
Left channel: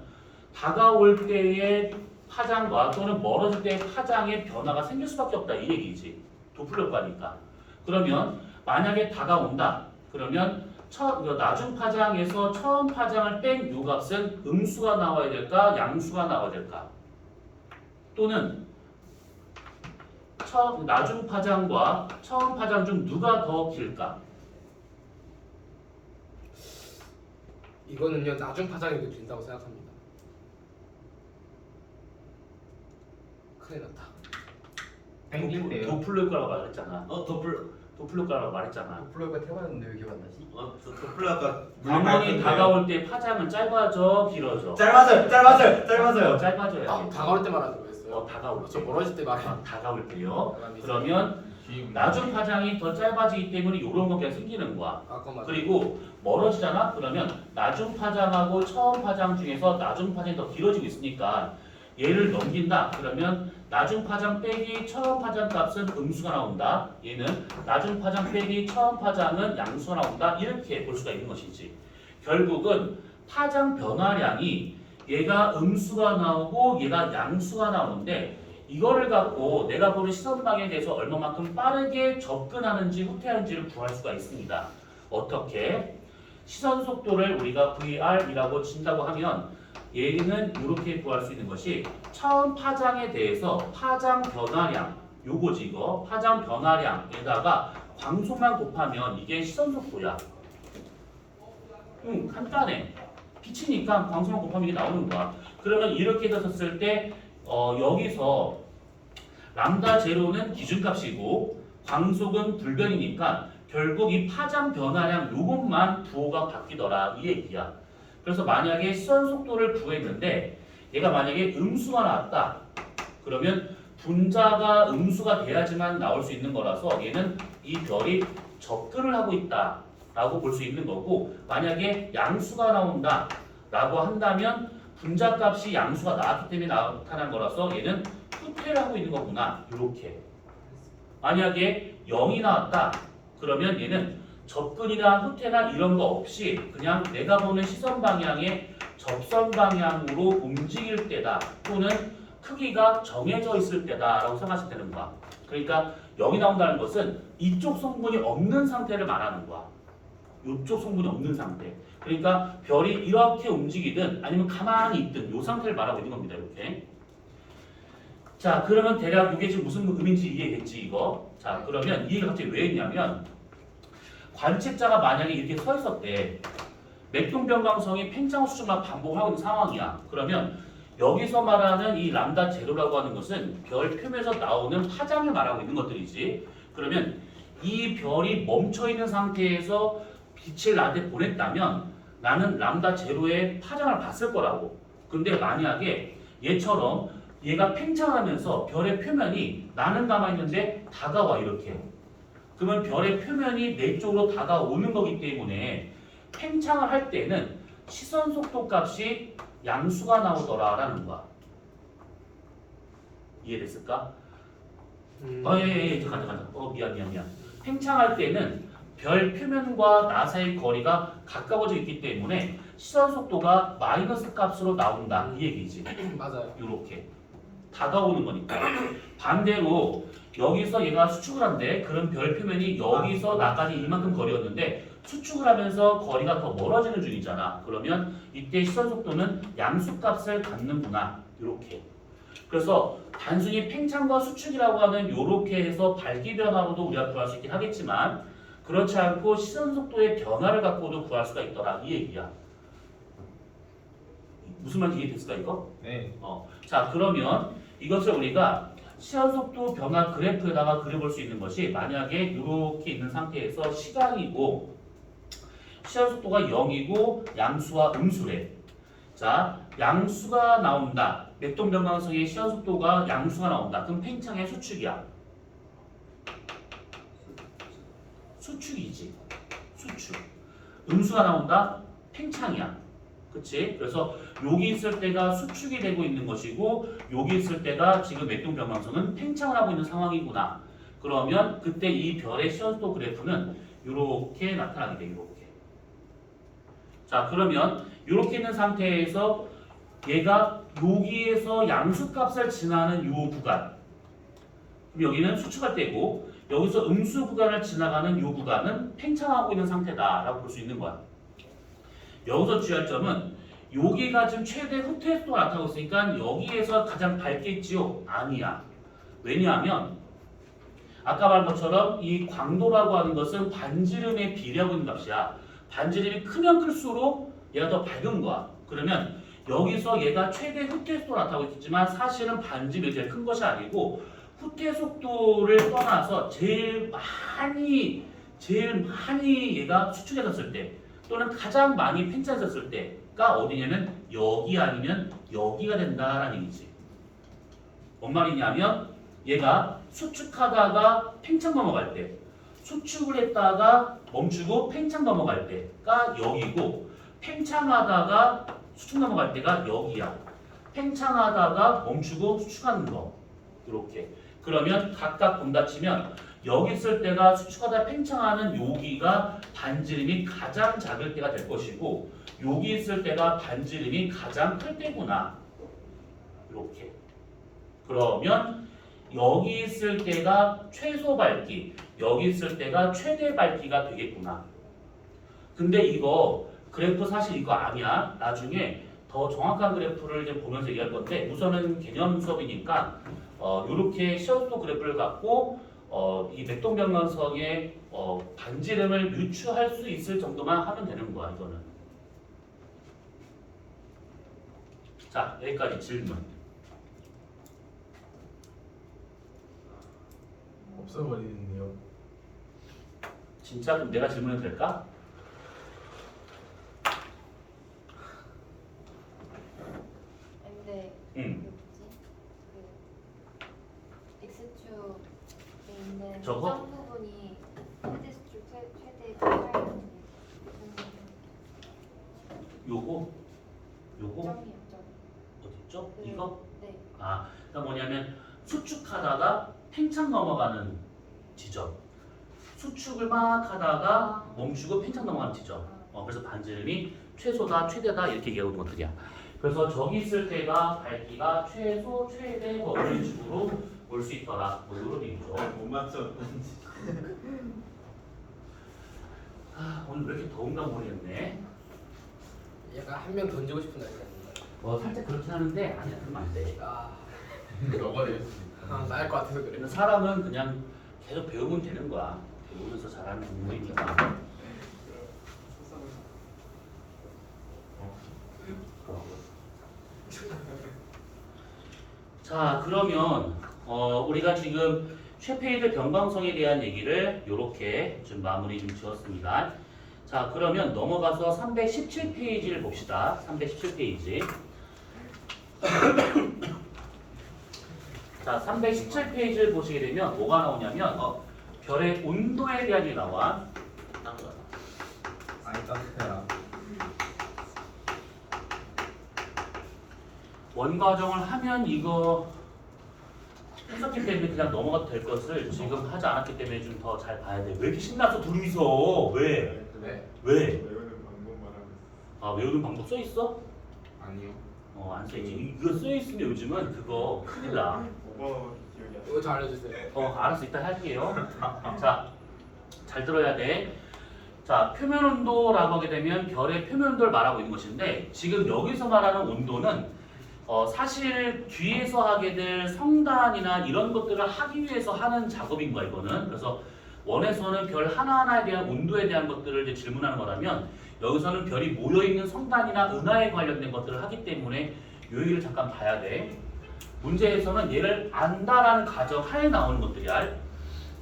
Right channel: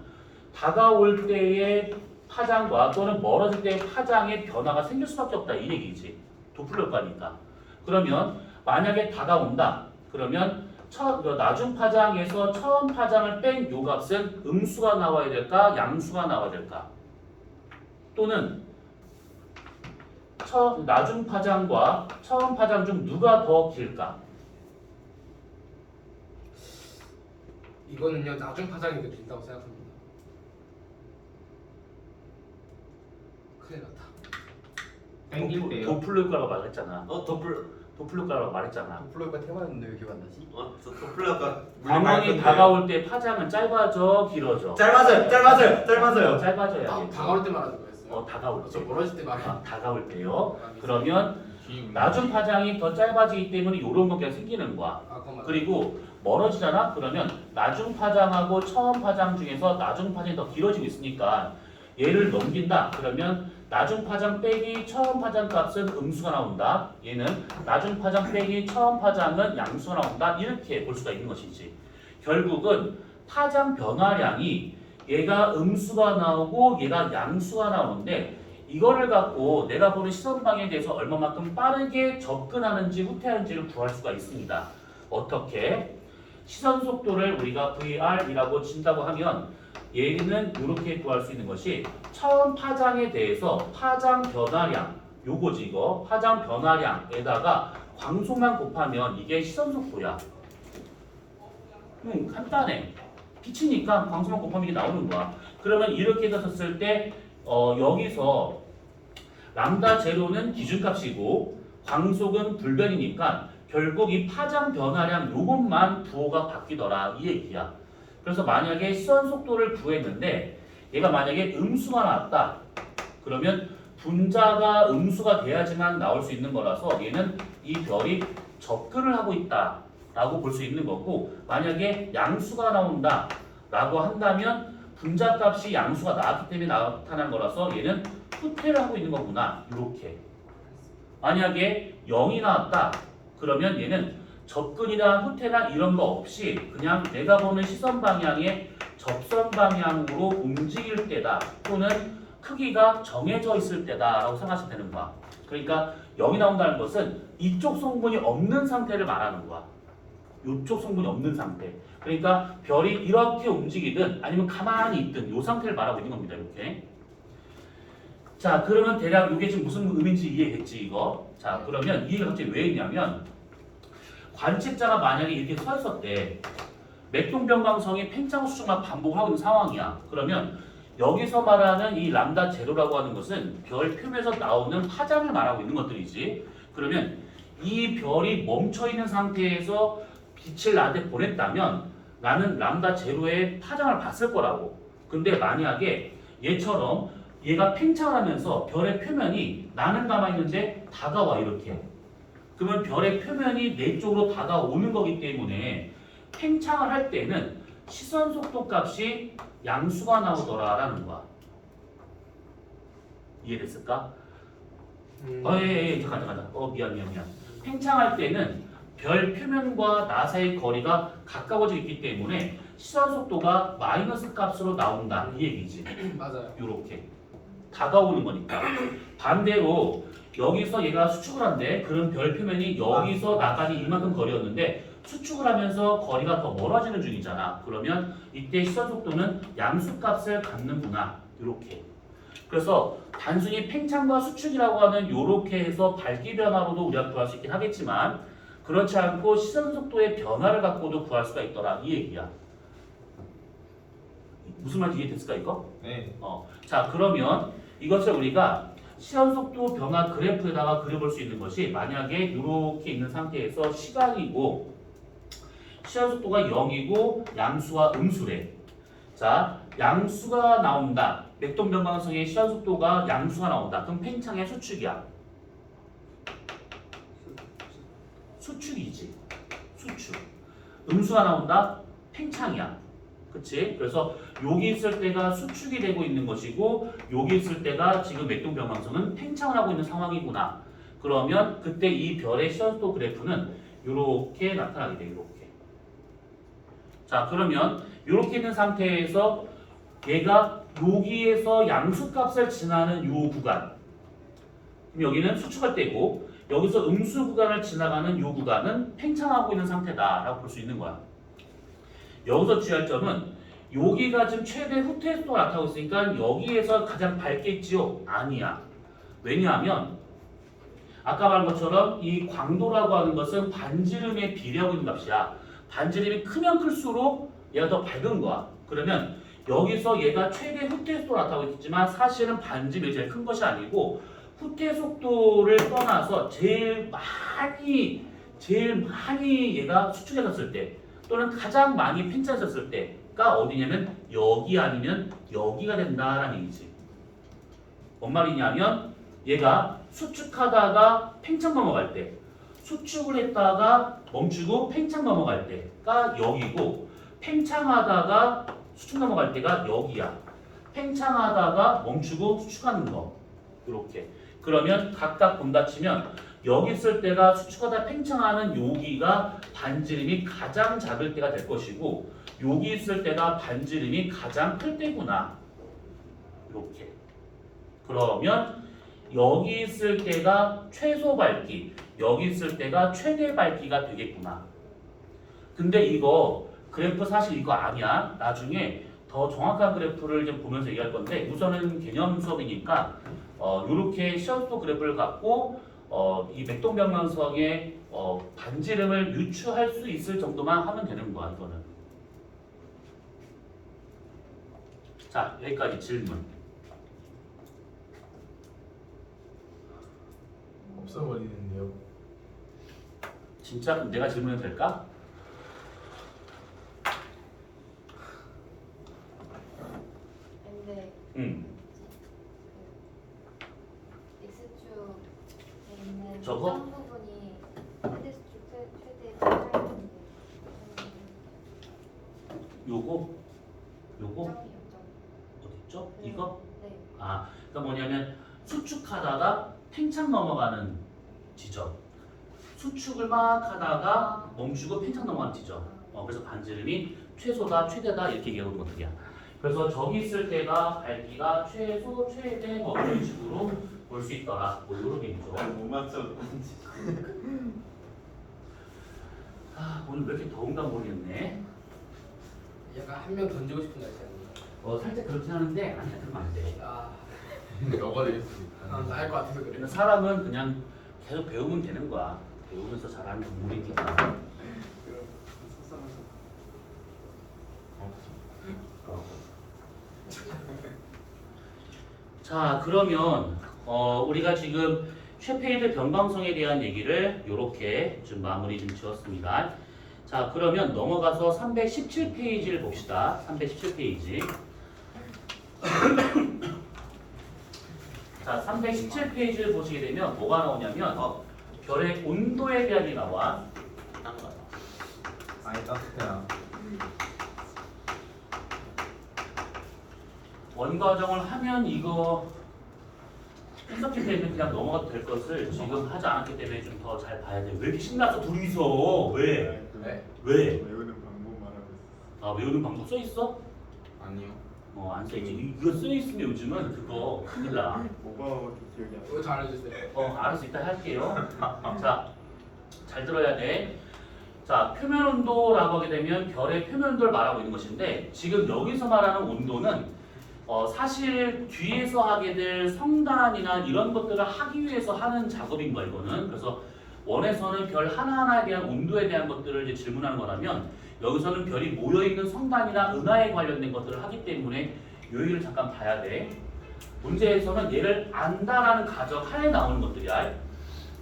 다가올 때의 파장과 또는 멀어질 때의 파장의 변화가 생길 수밖에 없다 이 얘기지. 도플러 효과니까. 그러면 만약에 다가온다. 그러면 나중 파장에서 처음 파장을 뺀 요 값은 음수가 나와야 될까 양수가 나와야 될까? 또는 나중 파장과 처음 파장 중 누가 더 길까? 이거는요 나중 파장이 더 길다고 생각합니다. 큰일 났다. 땡길게요. 도플러 효과라고 말했잖아. 도플러 도플러 효과라고 말했잖아. 플로이가 태어났는데 왜 기억 안 나지? 도플러가 광원이 다가올 때 파장은 짧아져 길어져? 짧아져요. 짧아져야 돼. 다가올 때 말하는 거였어요. 다가올 때. 저 멀어질 때 말하. 다가올 때요. 그러면 나중 파장이 더 짧아지기 때문에 이런 것들이 생기는 거야. 아까 말. 그리고 멀어지잖아. 그러면 나중 파장하고 처음 파장 중에서 나중 파장이 더 길어지고 있으니까 얘를 넘긴다. 그러면 나중 파장 빼기 처음 파장 값은 음수가 나온다. 얘는 나중 파장 빼기 처음 파장은 양수가 나온다. 이렇게 볼 수가 있는 것이지. 결국은 파장 변화량이 얘가 음수가 나오고 얘가 양수가 나오는데 이거를 갖고 내가 보는 시선 방향에 대해서 얼마만큼 빠르게 접근하는지 후퇴하는지를 구할 수가 있습니다. 어떻게? 시선 속도를 우리가 VR이라고 친다고 하면 얘는 이렇게 구할 수 있는 것이 처음 파장에 대해서 파장 변화량 요거지 이거 파장 변화량에다가 광속만 곱하면 이게 시선 속도야. 간단해. 빛이니까 광속만 곱하면 이게 나오는 거야. 그러면 이렇게 썼을 때 여기서 람다 제로는 기준값이고 광속은 불변이니까 결국 이 파장 변화량 요것만 부호가 바뀌더라 이 얘기야. 그래서 만약에 시선 속도를 구했는데 얘가 만약에 음수가 나왔다. 그러면 분자가 음수가 돼야지만 나올 수 있는 거라서 얘는 이 별이 접근을 하고 있다라고 볼 수 있는 거고, 만약에 양수가 나온다라고 한다면 분자값이 양수가 나왔기 때문에 나타난 거라서 얘는 후퇴를 하고 있는 거구나. 이렇게. 만약에 0이 나왔다. 그러면 얘는 접근이나 후퇴나 이런 거 없이 그냥 내가 보는 시선 방향의 접선 방향으로 움직일 때다. 또는 크기가 정해져 있을 때다라고 생각하시면 되는 거야. 그러니까 0이 나온다는 것은 이쪽 성분이 없는 상태를 말하는 거야. 이쪽 성분이 없는 상태. 그러니까 별이 이렇게 움직이든 아니면 가만히 있든 이 상태를 말하고 있는 겁니다. 이렇게. 자, 그러면 대략 이게 지금 무슨 의미인지 이해겠지 이거. 자, 그러면 이해가 갑자기 왜 있냐면 관측자가 만약에 이렇게 서 있었대. 맥동병광성이 팽창 수축만 반복하고 있는 상황이야. 그러면 여기서 말하는 이 람다 제로라고 하는 것은 별 표면에서 나오는 파장을 말하고 있는 것들이지. 그러면 이 별이 멈춰 있는 상태에서 빛을 나한테 보냈다면 나는 람다 제로의 파장을 봤을 거라고. 근데 만약에 얘처럼 얘가 팽창을 하면서 별의 표면이 나는 남아있는데 다가와 이렇게. 그러면 별의 표면이 내 쪽으로 다가오는 거기 때문에 팽창을 할 때는 시선 속도 값이 양수가 나오더라라는 거야. 이해됐을까? 예, 잠깐. 미안. 팽창할 때는 별 표면과 나 사이의 거리가 가까워져 있기 때문에 시선 속도가 마이너스 값으로 나온다. 이 얘기지. 맞아요. 이렇게 다가오는 거니까. 반대로 여기서 얘가 수축을 한대. 그럼 별 표면이 여기서 나까지 이만큼 거리였는데 수축을 하면서 거리가 더 멀어지는 중이잖아. 그러면 이때 시선 속도는 양수 값을 갖는구나. 이렇게. 그래서 단순히 팽창과 수축이라고 하는 이렇게 해서 밝기 변화로도 우리가 구할 수 있긴 하겠지만 그렇지 않고 시선 속도의 변화를 갖고도 구할 수가 있더라. 이 얘기야. 무슨 말인지 이해됐을까 이거? 네. 자, 그러면 이것을 우리가 시선 속도 변화 그래프에다가 그려볼 수 있는 것이 만약에 이렇게 있는 상태에서 시간이고 시선 속도가 0이고 양수와 음수래. 자, 양수가 나온다. 맥동변광성의 시선 속도가 양수가 나온다. 그럼 팽창의 수축이야. 수축이지. 수축. 음수가 나온다. 팽창이야. 그치? 그래서 여기 있을 때가 수축이 되고 있는 것이고 여기 있을 때가 지금 맥동변광성은 팽창을 하고 있는 상황이구나. 그러면 그때 이 별의 시선 속도 그래프는 이렇게 나타나게 돼. 이렇게. 자, 그러면 이렇게 있는 상태에서 얘가 여기에서 양수값을 지나는 이 구간, 그럼 여기는 수축할 때고 여기서 음수 구간을 지나가는 이 구간은 팽창하고 있는 상태다라고 볼 수 있는 거야. 여기서 주의할 점은 여기가 지금 최대 후퇴 속도가 나타나고 있으니까 여기에서 가장 밝겠지요? 아니야. 왜냐하면 아까 말한 것처럼 이 광도라고 하는 것은 반지름에 비례하고 있는 값이야. 반지름이 크면 클수록 얘가 더 밝은 거야. 그러면 여기서 얘가 최대 후퇴 속도가 나타나고 있지만 사실은 반지름이 제일 큰 것이 아니고 후퇴 속도를 떠나서 제일 많이 얘가 수축해졌을 때 또는 가장 많이 팽창했을 때가 어디냐면 여기 아니면 여기가 된다라는 얘기지. 뭔 말이냐면 얘가 수축하다가 팽창 넘어갈 때, 수축을 했다가 멈추고 팽창 넘어갈 때가 여기고, 팽창하다가 수축 넘어갈 때가 여기야. 팽창하다가 멈추고 수축하는 거. 이렇게. 그러면 각각 본다 치면 여기 있을 때가 수축하다 팽창하는 여기가 반지름이 가장 작을 때가 될 것이고 여기 있을 때가 반지름이 가장 클 때구나. 이렇게. 그러면 여기 있을 때가 최소 밝기, 여기 있을 때가 최대 밝기가 되겠구나. 근데 이거 그래프 사실 이거 아니야. 나중에 더 정확한 그래프를 좀 보면서 얘기할 건데 우선은 개념 수업이니까 이렇게 시험도 그래프를 갖고 이 맥동변광성의 반지름을 유추할 수 있을 정도만 하면 되는 거야. 이거는. 자, 여기까지 질문. 없어버리는데요. 진짜 그럼 내가 질문해도 될까? 근데 X축에 있는 저거? 점 부분이 최대수축 최대 점 요거 점이요. 어디 있죠? 네. 이거? 네. 아, 그러니까 뭐냐면 수축하다가 팽창 넘어가는 지점. 수축을 막 하다가 멈추고 팽창 넘어가는 지점. 그래서 반지름이 최소다, 최대다 이렇게 얘기하는 거거든요. 그래서 저기 있을 때가 밝기가 최소, 최대 뭐 이런 식으로 볼 수 있더라. 뭐 이런 얘기죠. 못 맞췄는지. 아, 오늘 왜 이렇게 더운가 모르겠네. 약간 한 명 던지고 싶은 날이 아닌가요? 살짝 그렇긴 하는데 아니야, 그러면 안 돼. 너가 나을 것 같아서 그래. 그래서 사람은 그냥 계속 배우면 되는 거야. 배우면서 잘하는 동물이니까. 자, 그러면 우리가 지금 쉐페이드 변방성에 대한 얘기를 이렇게 좀 마무리 좀 지었습니다. 자, 그러면 넘어가서 317페이지를 봅시다. 317페이지. 자, 317페이지를 보시게 되면 뭐가 나오냐면 별의 온도에 대한 게 나와. 아니 따뜻해라. 원과정을 하면 이거 했었기 때문에 그냥 넘어가도 될 것을 지금 하지 않았기 때문에 좀 더 잘 봐야 돼. 왜 이렇게 신났어 둘이서? 왜? 네. 왜? 외우는 방법 말하고 있어. 아, 외우는 방법 써 있어? 아니요. 안 써 있지. 이거 써 있으면 요즘은 그거 큰일 나. 뭐가 기억이 안 나. 이거 잘해주세요. 알았어, 이따 할게요. 자, 잘 들어야 돼. 자, 표면 온도라고 하게 되면 별의 표면 온도를 말하고 있는 것인데 지금 여기서 말하는 온도는 사실 뒤에서 하게 될 성단이나 이런 것들을 하기 위해서 하는 작업인 거야 이거는. 그래서 원에서는 별 하나하나에 대한 온도에 대한 것들을 이제 질문하는 거라면 여기서는 별이 모여 있는 성단이나 은하에 관련된 것들을 하기 때문에 요 얘기를 잠깐 봐야 돼. 문제에서는 얘를 안다라는 가정 하에 나오는 것들이야.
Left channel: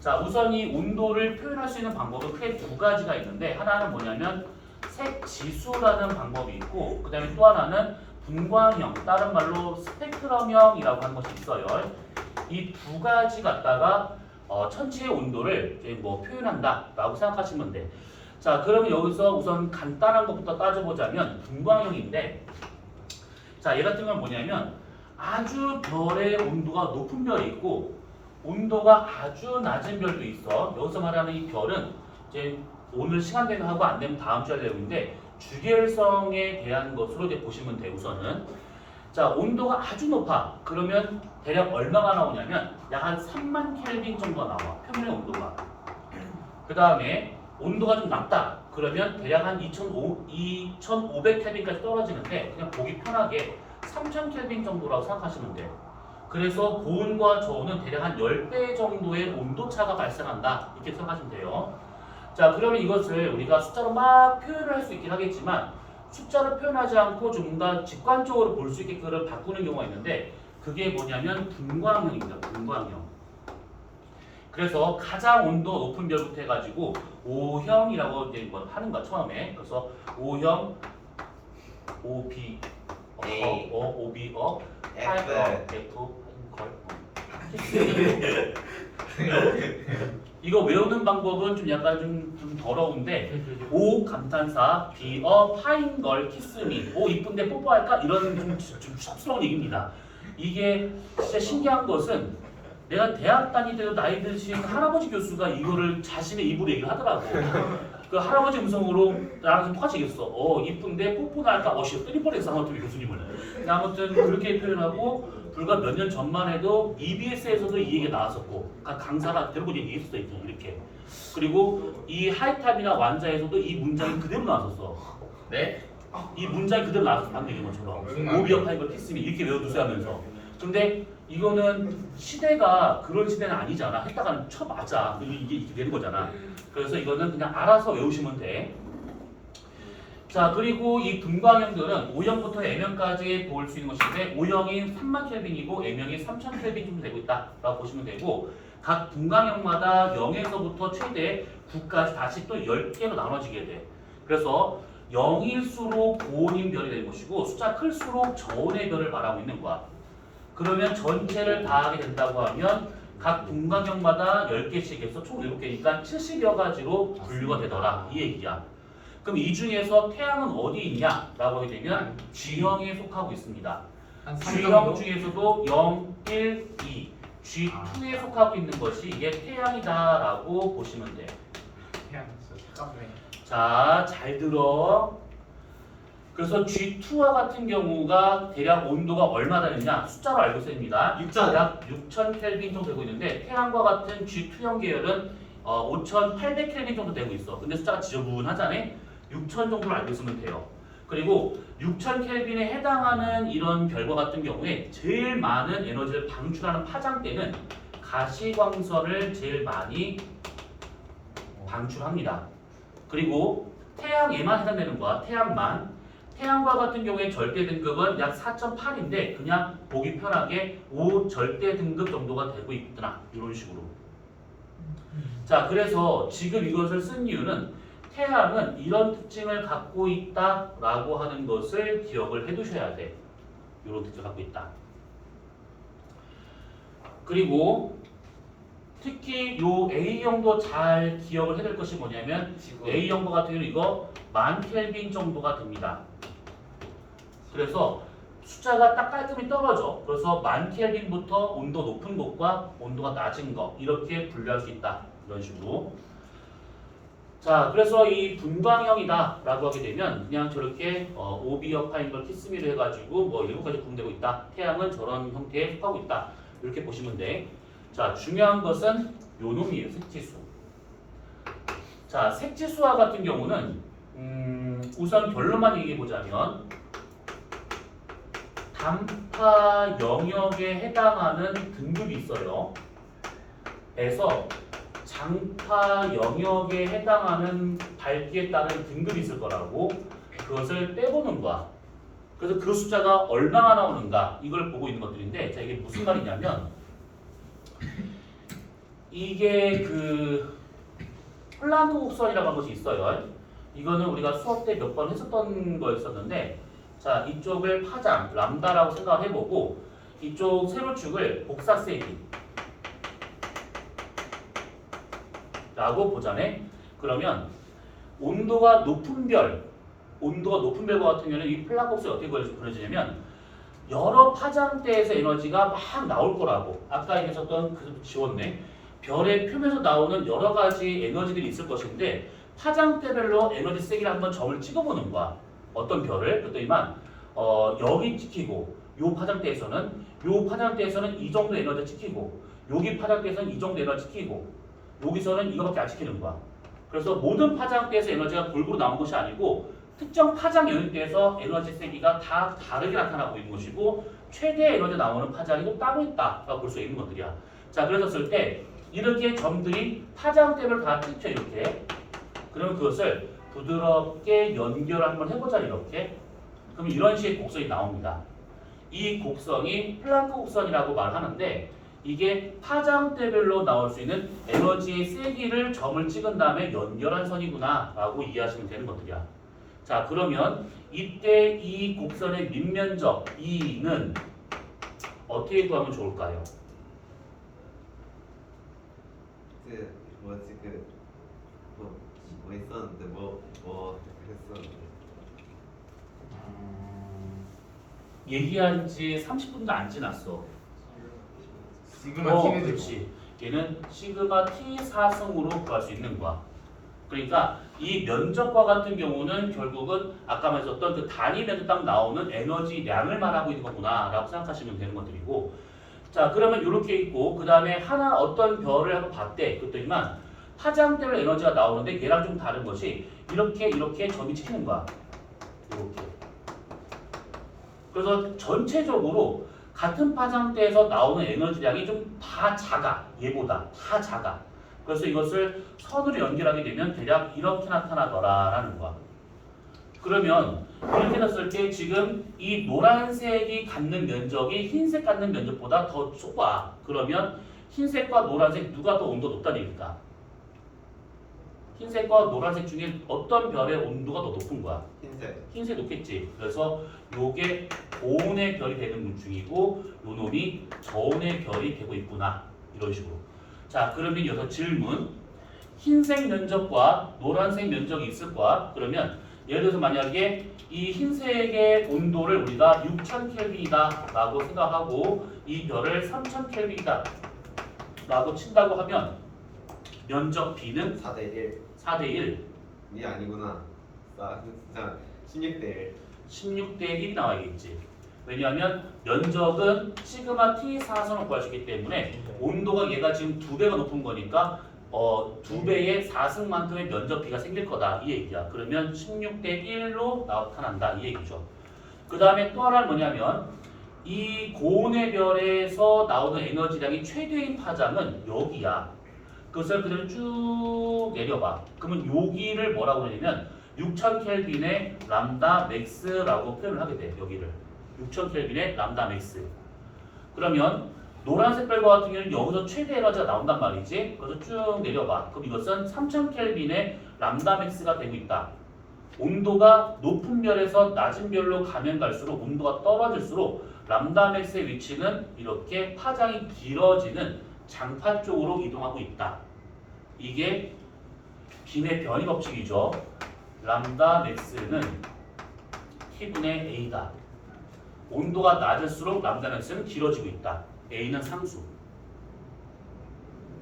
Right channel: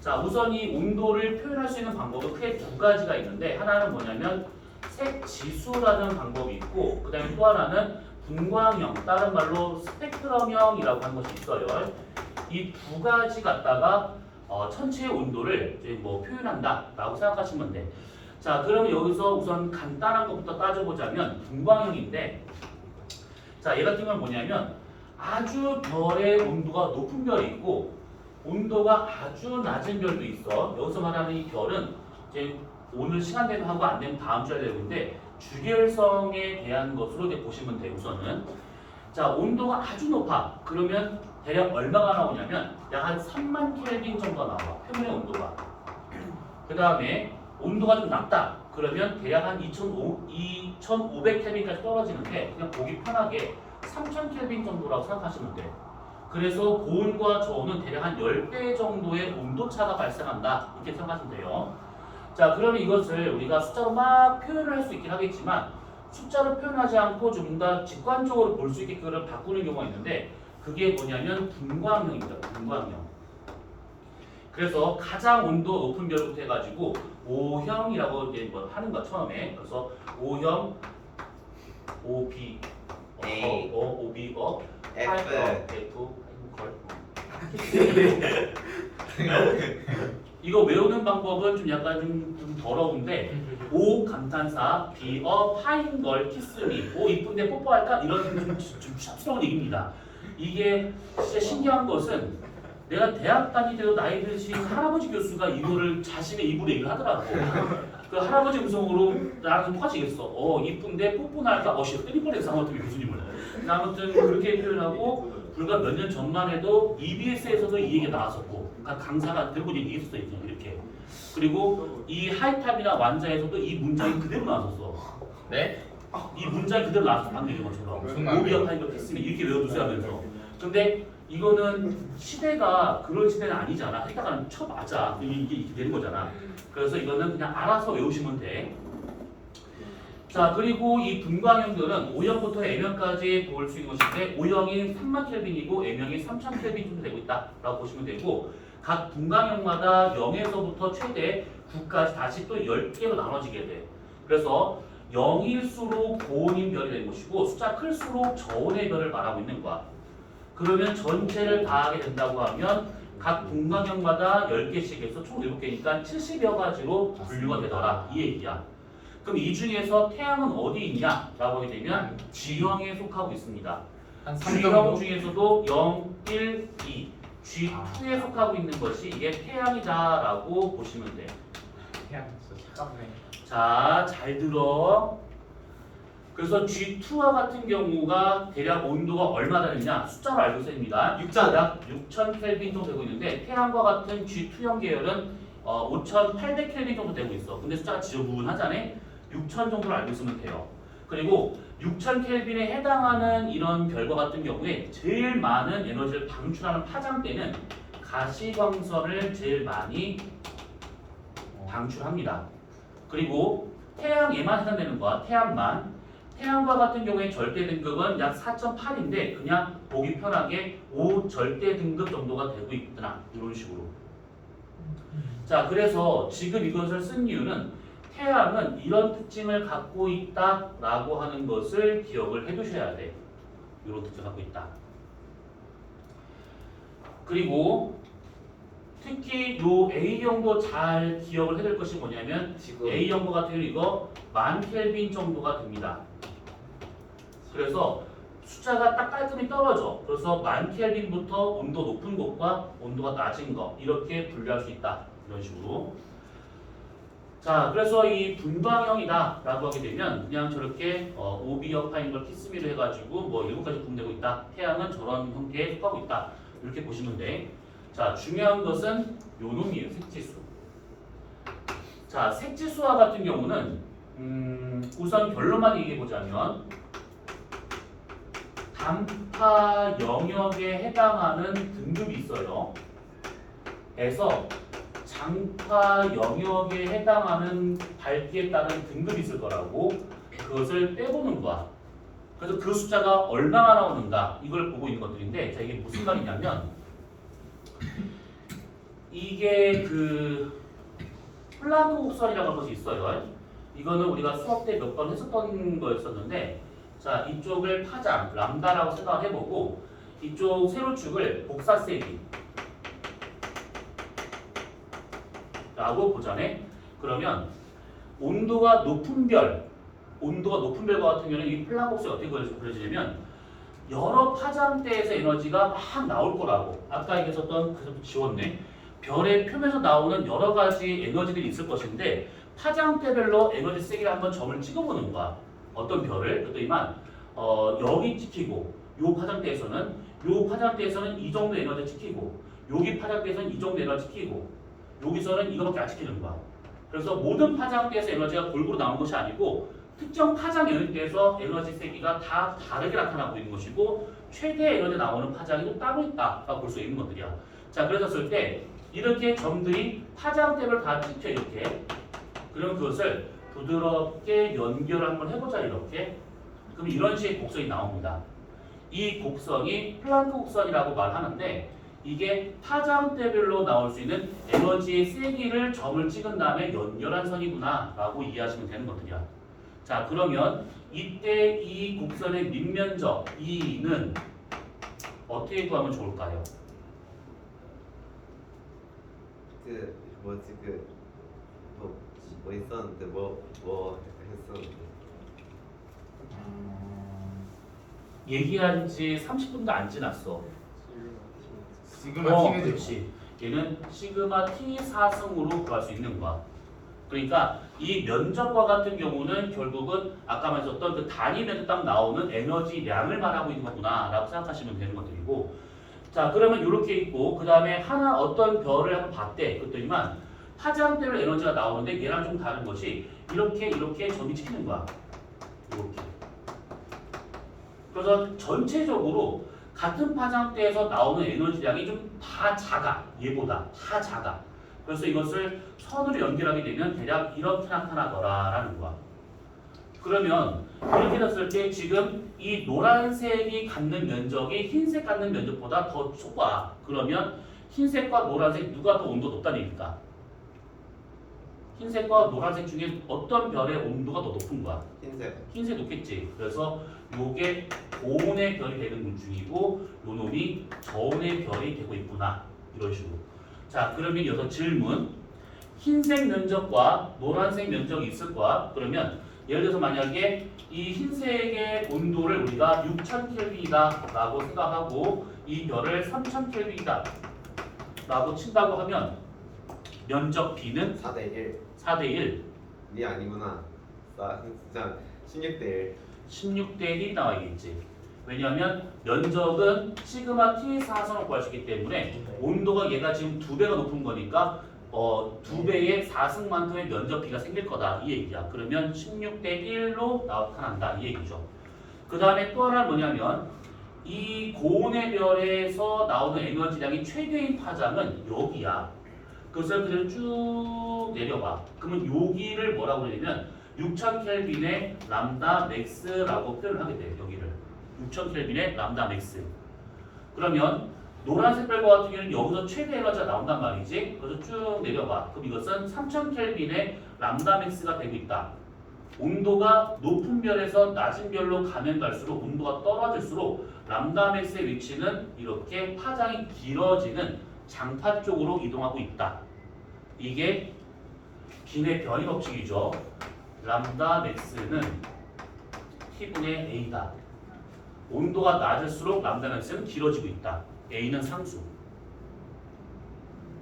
자, 우선 이 온도를 표현할 수 있는 방법은 크게 두 가지가 있는데 하나는 뭐냐면 색지수라는 방법이 있고 그 다음에 또 하나는 분광형, 다른 말로 스펙트럼형이라고 하는 것이 있어요. 이 두 가지 갖다가 천체의 온도를 이제 뭐 표현한다라고 생각하시면 돼. 자, 그러면 여기서 우선 간단한 것부터 따져보자면 분광형인데, 자, 얘 같은 건 뭐냐면 아주 별의 온도가 높은 별이 있고 온도가 아주 낮은 별도 있어. 여기서 말하는 이 별은 이제 오늘 시간 되면 하고 안 되면 다음 주에 되고 있는데 주계열성에 대한 것으로 이제 보시면 돼요. 우선은 자, 온도가 아주 높아. 그러면 대략 얼마가 나오냐면 약 한 3만 켈빈 정도 나와. 표면의 온도가. 그 다음에 온도가 좀 낮다. 그러면 대략 한 2,500 켈빈까지 떨어지는데 그냥 보기 편하게 3,000 켈빈 정도라고 생각하시면 돼요. 그래서 고온과 저온은 대략 한 10배 정도의 온도차가 발생한다. 이렇게 생각하시면 돼요. 자, 그러면 이것을 우리가 숫자로 막 표현을 할 수 있긴 하겠지만 숫자로 표현하지 않고 좀 더 직관적으로 볼 수 있게 그걸 바꾸는 경우가 있는데 그게 뭐냐면 분광형입니다. 분광형. 그래서 가장 온도 높은 별부터 해가지고 O형이라고 이제 뭐 하는 거야 처음에. 그래서 O형, OB, A. OB, F. 이거 외우는 방법은 좀 약간 좀 더러운데 O 감탄사, B 파인 걸 키스미, O 이쁜데 뽀뽀할까 이런 좀 샵스러운 얘기입니다. 이게 진짜 신기한 것은 내가 대학 다닐 때도 나이 드신 할아버지 교수가 이거를 자신의 입으로 얘기를 하더라고. 그 할아버지 음성으로 나랑 좀 똑같이 얘기했어. 이쁜데 뽀뽀나 할까? 씨 때릴 뻔했어 아무튼 교수님을. 아무튼 그렇게 표현하고 불과 몇 년 전만 해도 EBS에서도 이 얘기가 나왔었고 강사가 들고 얘기했었어 이렇게. 그리고 이 하이탑이나 완자에서도 이 문장이 그대로 나왔었어. 네? 이 문장이 그대로 나왔었어 방금 얘기한 것처럼. 오비어 파이버 키스미 이렇게 외워두세요 하면서. 근데 이거는 시대가 그런 시대는 아니잖아. 했다가는 쳐 맞아. 이게 이렇게 되는 거잖아. 그래서 이거는 그냥 알아서 외우시면 돼. 자, 그리고 이 분광형들은 O형부터 M형까지 볼 수 있는 것인데 O형이 3만 켈빈이고 M형이 3,000 켈빈 정도 되고 있다라고 보시면 되고 각 분광형마다 0에서부터 최대 9까지 다시 또 10개로 나눠지게 돼. 그래서 0일수록 고온인 별이 되는 것이고 숫자 클수록 저온의 별을 말하고 있는 거야. 그러면 전체를 다 하게 된다고 하면 각 분광형마다 10개씩 해서 총 7개니까 70여 가지로 분류가 되더라 이 얘기야. 그럼 이 중에서 태양은 어디 있냐? 라고 하게 되면 G형에 속하고 있습니다. 한 G형 중에서도 0, 1, 2 G2에 속하고 있는 것이 이게 태양이다 라고 보시면 돼요. 그냥 잠깐만. 자, 잘 들어. 그래서 G2와 같은 경우가 대략 온도가 얼마 되느냐 숫자로 알고 있습니다. 6,000. 약 6,000 켈빈 정도 되고 있는데 태양과 같은 G2형 계열은 5,800 켈빈 정도 되고 있어. 근데 숫자가 지저분하잖아. 6,000 정도로 알고 있으면 돼요. 그리고 6,000 켈빈에 해당하는 이런 별과 같은 경우에 제일 많은 에너지를 방출하는 파장대는 가시광선을 제일 많이 방출합니다. 그리고 태양에만 해당되는 거야. 태양과 같은 경우에 절대 등급은 약 4.8인데 그냥 보기 편하게 5 절대 등급 정도가 되고 있구나 이런 식으로. 자, 그래서 지금 이것을 쓴 이유는 태양은 이런 특징을 갖고 있다라고 하는 것을 기억을 해두셔야 돼. 이런 특징을 갖고 있다. 그리고 특히 요 A형도 잘 기억을 해야 될 것이 뭐냐면 A형 같은 경우는 이거 10,000켈빈 정도가 됩니다. 그래서 숫자가 딱 깔끔히 떨어져. 그래서 10,000켈빈부터 온도 높은 것과 온도가 낮은 것 이렇게 분류할 수 있다. 이런 식으로. 자, 그래서 이 분광형이다 라고 하게 되면 그냥 저렇게 오비어 파인걸 키스미를 해가지고 뭐 7가지 구분되고 있다. 태양은 저런 형태에 속하고 있다. 이렇게 보시면 돼. 자, 중요한 것은 요 놈이에요. 색지수. 자, 색지수와 같은 경우는 우선 결론만 얘기해 보자면 단파 영역에 해당하는 등급이 있어요. 그래서 장파 영역에 해당하는 밝기에 따른 등급이 있을 거라고 그것을 빼보는 거야. 그래서 그 숫자가 얼마나 나오는가 이걸 보고 있는 것들인데, 자, 이게 무슨 말이냐면 이게 그 플랑크 곡선이라고 하는 것이 있어요. 이거는 우리가 수업 때 몇 번 했었던 거였었는데, 자, 이쪽을 파장 람다라고 생각을 해보고 이쪽 세로축을 복사세기 라고 보자네. 그러면 온도가 높은 별과 같은 경우는 이 플랑크 곡선이 어떻게 그려지냐면 여러 파장대에서 에너지가 막 나올 거라고. 아까 얘기했었던 그것도 지웠네. 별의 표면에서 나오는 여러 가지 에너지들이 있을 것인데 파장대별로 에너지 세기를 한번 점을 찍어보는 거야. 어떤 별을 그랬더니만 여기 찍히고 요 파장대에서는 이 정도 에너지 찍히고 여기 파장대에서는 이 정도 에너지 찍히고 여기서는 이거밖에 안 찍히는 거야. 그래서 모든 파장대에서 에너지가 골고루 나온 것이 아니고 특정 파장 영역대에서 에너지 세기가 다 다르게 나타나고 있는 것이고 최대 에너지 나오는 파장이 또 따로 있다라고 볼 수 있는 것들이야. 자, 그래서 쓸 때 이렇게 점들이 파장대를 다 찍혀 이렇게. 그러면 그것을 부드럽게 연결을 한번 해보자 이렇게. 그럼 이런 식의 곡선이 나옵니다. 이 곡선이 플랑크 곡선이라고 말하는데 이게 파장대별로 나올 수 있는 에너지의 세기를 점을 찍은 다음에 연결한 선이구나 라고 이해하시면 되는 것들이야. 자, 그러면 이때 이 곡선의 밑면적 E는 어떻게 구하면 좋을까요? 그 뭐지 뭐 있었는데 뭐 했었는데 얘기한 지 30분도 안 지났어. 시그마 T는 그렇지. 얘는 시그마 T 4승으로 구할 수 있는 거야. 그러니까 이 면적과 같은 경우는 결국은 아까 말했었던 그 단위면에 딱 나오는 에너지량을 말하고 있는 거구나 라고 생각하시면 되는 것들이고, 자, 그러면 이렇게 있고 그 다음에 하나 어떤 별을 한번 봤대. 그랬더니만 파장대로 에너지가 나오는데 얘랑 좀 다른 것이 이렇게 점이 찍히는 거야. 이렇게. 그래서 전체적으로 같은 파장대에서 나오는 에너지량이 좀 다 작아. 얘보다 다 작아. 그래서 이것을 선으로 연결하게 되면 대략 이렇게 나타나더라라는 거야. 그러면 이렇게 됐을 때 지금 이 노란색이 갖는 면적이 흰색 갖는 면적보다 더 좁아. 그러면 흰색과 노란색 누가 더 온도 높다는 얘기일까? 흰색과 노란색 중에 어떤 별의 온도가 더 높은 거야? 흰색. 흰색 높겠지. 그래서 요게 고온의 별이 되는 문중이고 요 놈이 저온의 별이 되고 있구나. 이런 식으로. 자, 그러면 여기서 질문. 흰색 면적과 노란색 면적이 있을 거야. 그러면 예를 들어서 만약에 이 흰색의 온도를 우리가 6000켈빈이다 라고 생각하고 이 별을 3000켈빈이다 라고 친다고 하면 면적 B는 4대1. 4대 1, 니 아니구나. 나 진짜 16대1. 16대 1이 나와야겠지. 왜냐하면 면적은 시그마 T 사선을 구할 수 있기 때문에 온도가 얘가 지금 2배가 높은 거니까 2배의 4승만큼의 면적 B가 생길 거다 이 얘기야. 그러면 16대 1로 나타난다 이 얘기죠. 그 다음에 또 하나는 뭐냐면 이 고온의 별에서 나오는 에너지량이 최대인 파장은 여기야. 그것을 그대로 쭉 내려봐. 그러면 여기를 뭐라고 그러냐면 6000켈빈의 람다 맥스라고 표현을 하게 돼. 여기를 6000켈빈의 람다 맥스. 그러면 노란색 별과 같은 경우는 여기서 최대 에너지가 나온단 말이지. 그래서 쭉 내려봐. 그럼 이것은 3000켈빈의 람다 맥스가 되고 있다. 온도가 높은 별에서 낮은 별로 가면 갈수록 온도가 떨어질수록 람다 맥스의 위치는 이렇게 파장이 길어지는 장파 쪽으로 이동하고 있다. 이게 빈의 변이 법칙이죠. 람다 맥스는 T분의 A다. 온도가 낮을수록 람다 맥스는 길어지고 있다. A는 상수.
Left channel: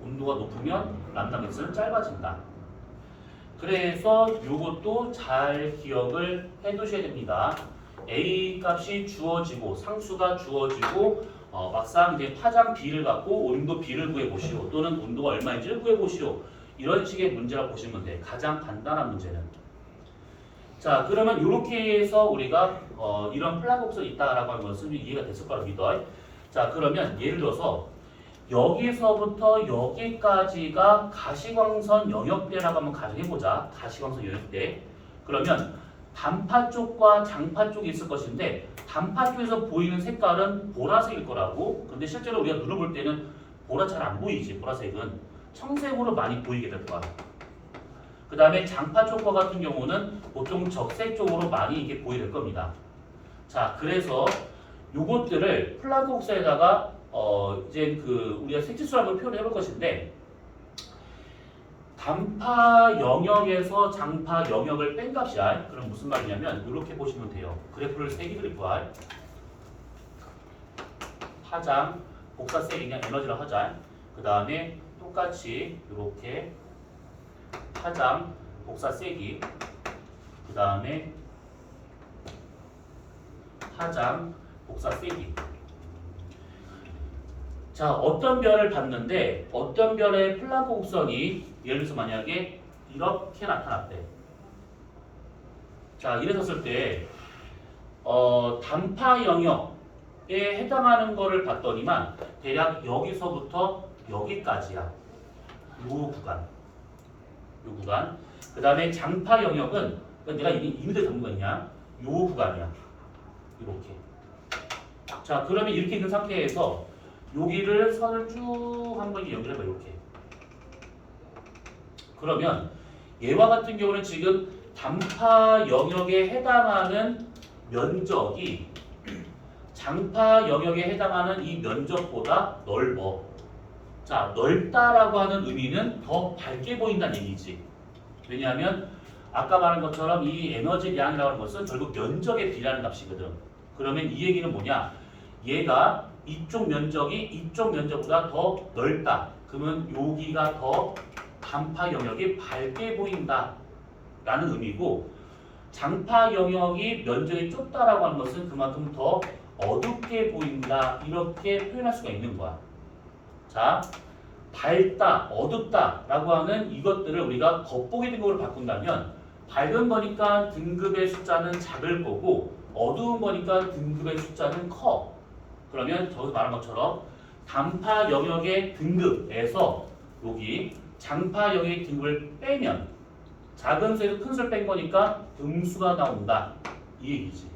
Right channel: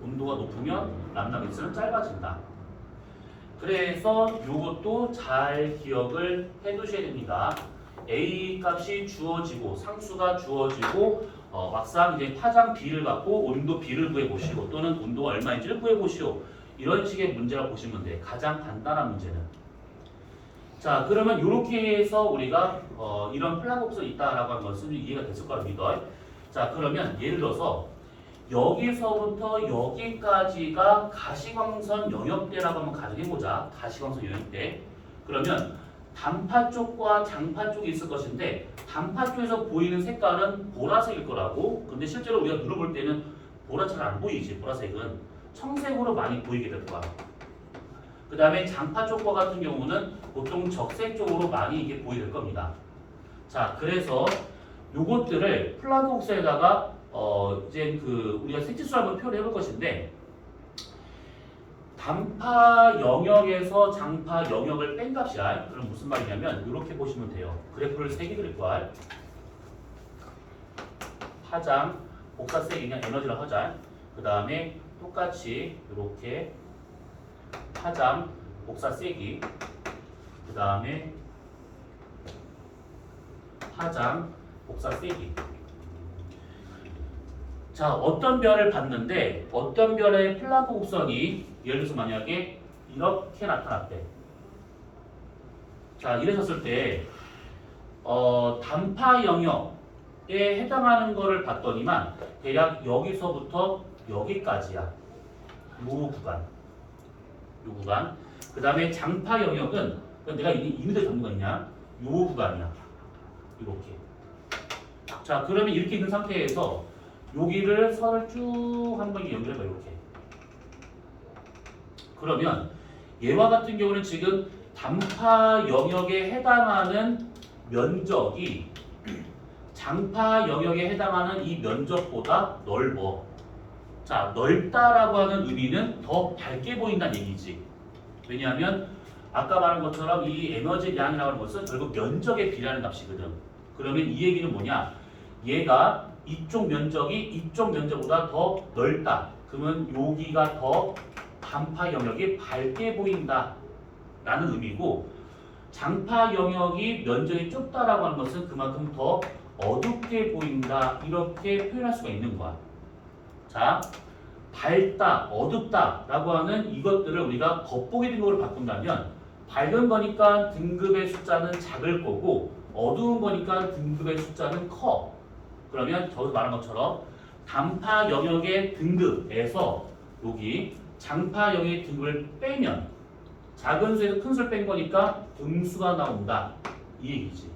온도가 높으면 람다 맥스는 짧아진다. 그래서 이것도 잘 기억을 해두셔야 됩니다. A 값이 주어지고 상수가 주어지고 막상 이제 파장 B를 갖고 온도 B를 구해보시오. 또는 온도가 얼마인지를 구해보시오. 이런 식의 문제라고 보시면 돼. 가장 간단한 문제는. 자, 그러면 이렇게 해서 우리가 이런 플라복선이 있다라고 하는 것은 이해가 됐을 거라고 믿어요. 자, 그러면 예를 들어서 여기서부터 여기까지가 가시광선 영역대라고 한번 가정해보자. 가시광선 영역대. 그러면 단파 쪽과 장파 쪽이 있을 것인데 단파 쪽에서 보이는 색깔은 보라색일 거라고. 근데 실제로 우리가 눈을 볼 때는 보라 잘 안 보이지. 보라색은 청색으로 많이 보이게 될 거야. 그 다음에 장파 쪽과 같은 경우는 보통 적색 쪽으로 많이 이게 보이게 될 겁니다. 자, 그래서 요것들을 플랑크 복사에다가 이제 우리가 색지수를 한번 표현해 볼 것인데 단파 영역에서 장파 영역을 뺀 값이야. 그럼 무슨 말이냐면 이렇게 보시면 돼요. 그래프를 3개 그릴 거야. 파장, 복사세 그냥 에너지를 하자. 그 다음에 똑같이 이렇게 파장, 복사 세기. 그 다음에 파장, 복사 세기. 자, 어떤 별을 봤는데 어떤 별의 플랑크 곡선이 예를 들어서 만약에 이렇게 나타났대. 자, 이랬었을 때 단파 영역에 해당하는 거를 봤더니만 대략 여기서부터 여기까지야. 요 구간. 그 다음에 장파 영역은 내가 이미들 잡는 거 있냐? 요 구간이야. 이렇게. 자, 그러면 이렇게 있는 상태에서 여기를 선을 쭉 한번 연결해봐. 이렇게. 그러면 얘와 같은 경우는 지금 단파 영역에 해당하는 면적이 장파 영역에 해당하는 이 면적보다 넓어. 자, 넓다라고 하는 의미는 더 밝게 보인다는 얘기지. 왜냐하면 아까 말한 것처럼 이 에너지량이라고 하는 것은 결국 면적에 비례하는 값이거든. 그러면 이 얘기는 뭐냐? 얘가 이쪽 면적이 이쪽 면적보다 더 넓다. 그러면 여기가 더 단파 영역이 밝게 보인다 라는 의미고, 장파 영역이 면적이 좁다라고 하는 것은 그만큼 더 어둡게 보인다, 이렇게 표현할 수가 있는 거야. 자, 밝다, 어둡다 라고 하는 이것들을 우리가 겉보기 등급으로 바꾼다면 밝은 거니까 등급의 숫자는 작을 거고 어두운 거니까 등급의 숫자는 커. 그러면 저도 말한 것처럼 단파 영역의 등급에서 여기 장파 영역의 등급을 빼면 작은 수에서 큰 수를 뺀 거니까 음수가 나온다, 이 얘기지.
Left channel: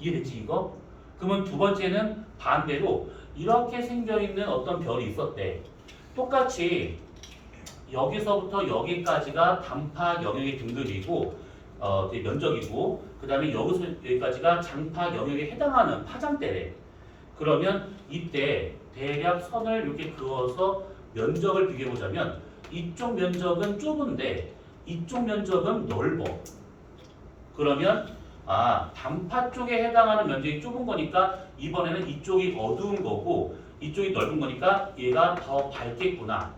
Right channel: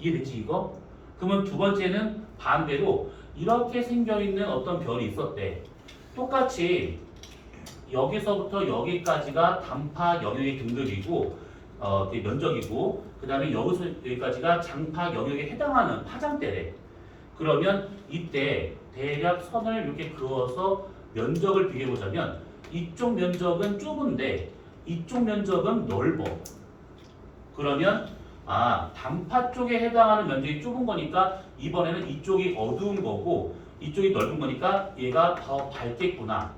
이해됐지 이거? 그러면 두 번째는 반대로 이렇게 생겨있는 어떤 별이 있었대. 똑같이 여기서부터 여기까지가 단파 영역의 등급이고 그 면적이고 그 다음에 여기서 여기까지가 장파 영역에 해당하는 파장대래. 그러면 이때 대략 선을 이렇게 그어서 면적을 비교해 보자면 이쪽 면적은 좁은데 이쪽 면적은 넓어. 그러면 단파 쪽에 해당하는 면적이 좁은 거니까 이번에는 이쪽이 어두운 거고 이쪽이 넓은 거니까 얘가 더 밝겠구나.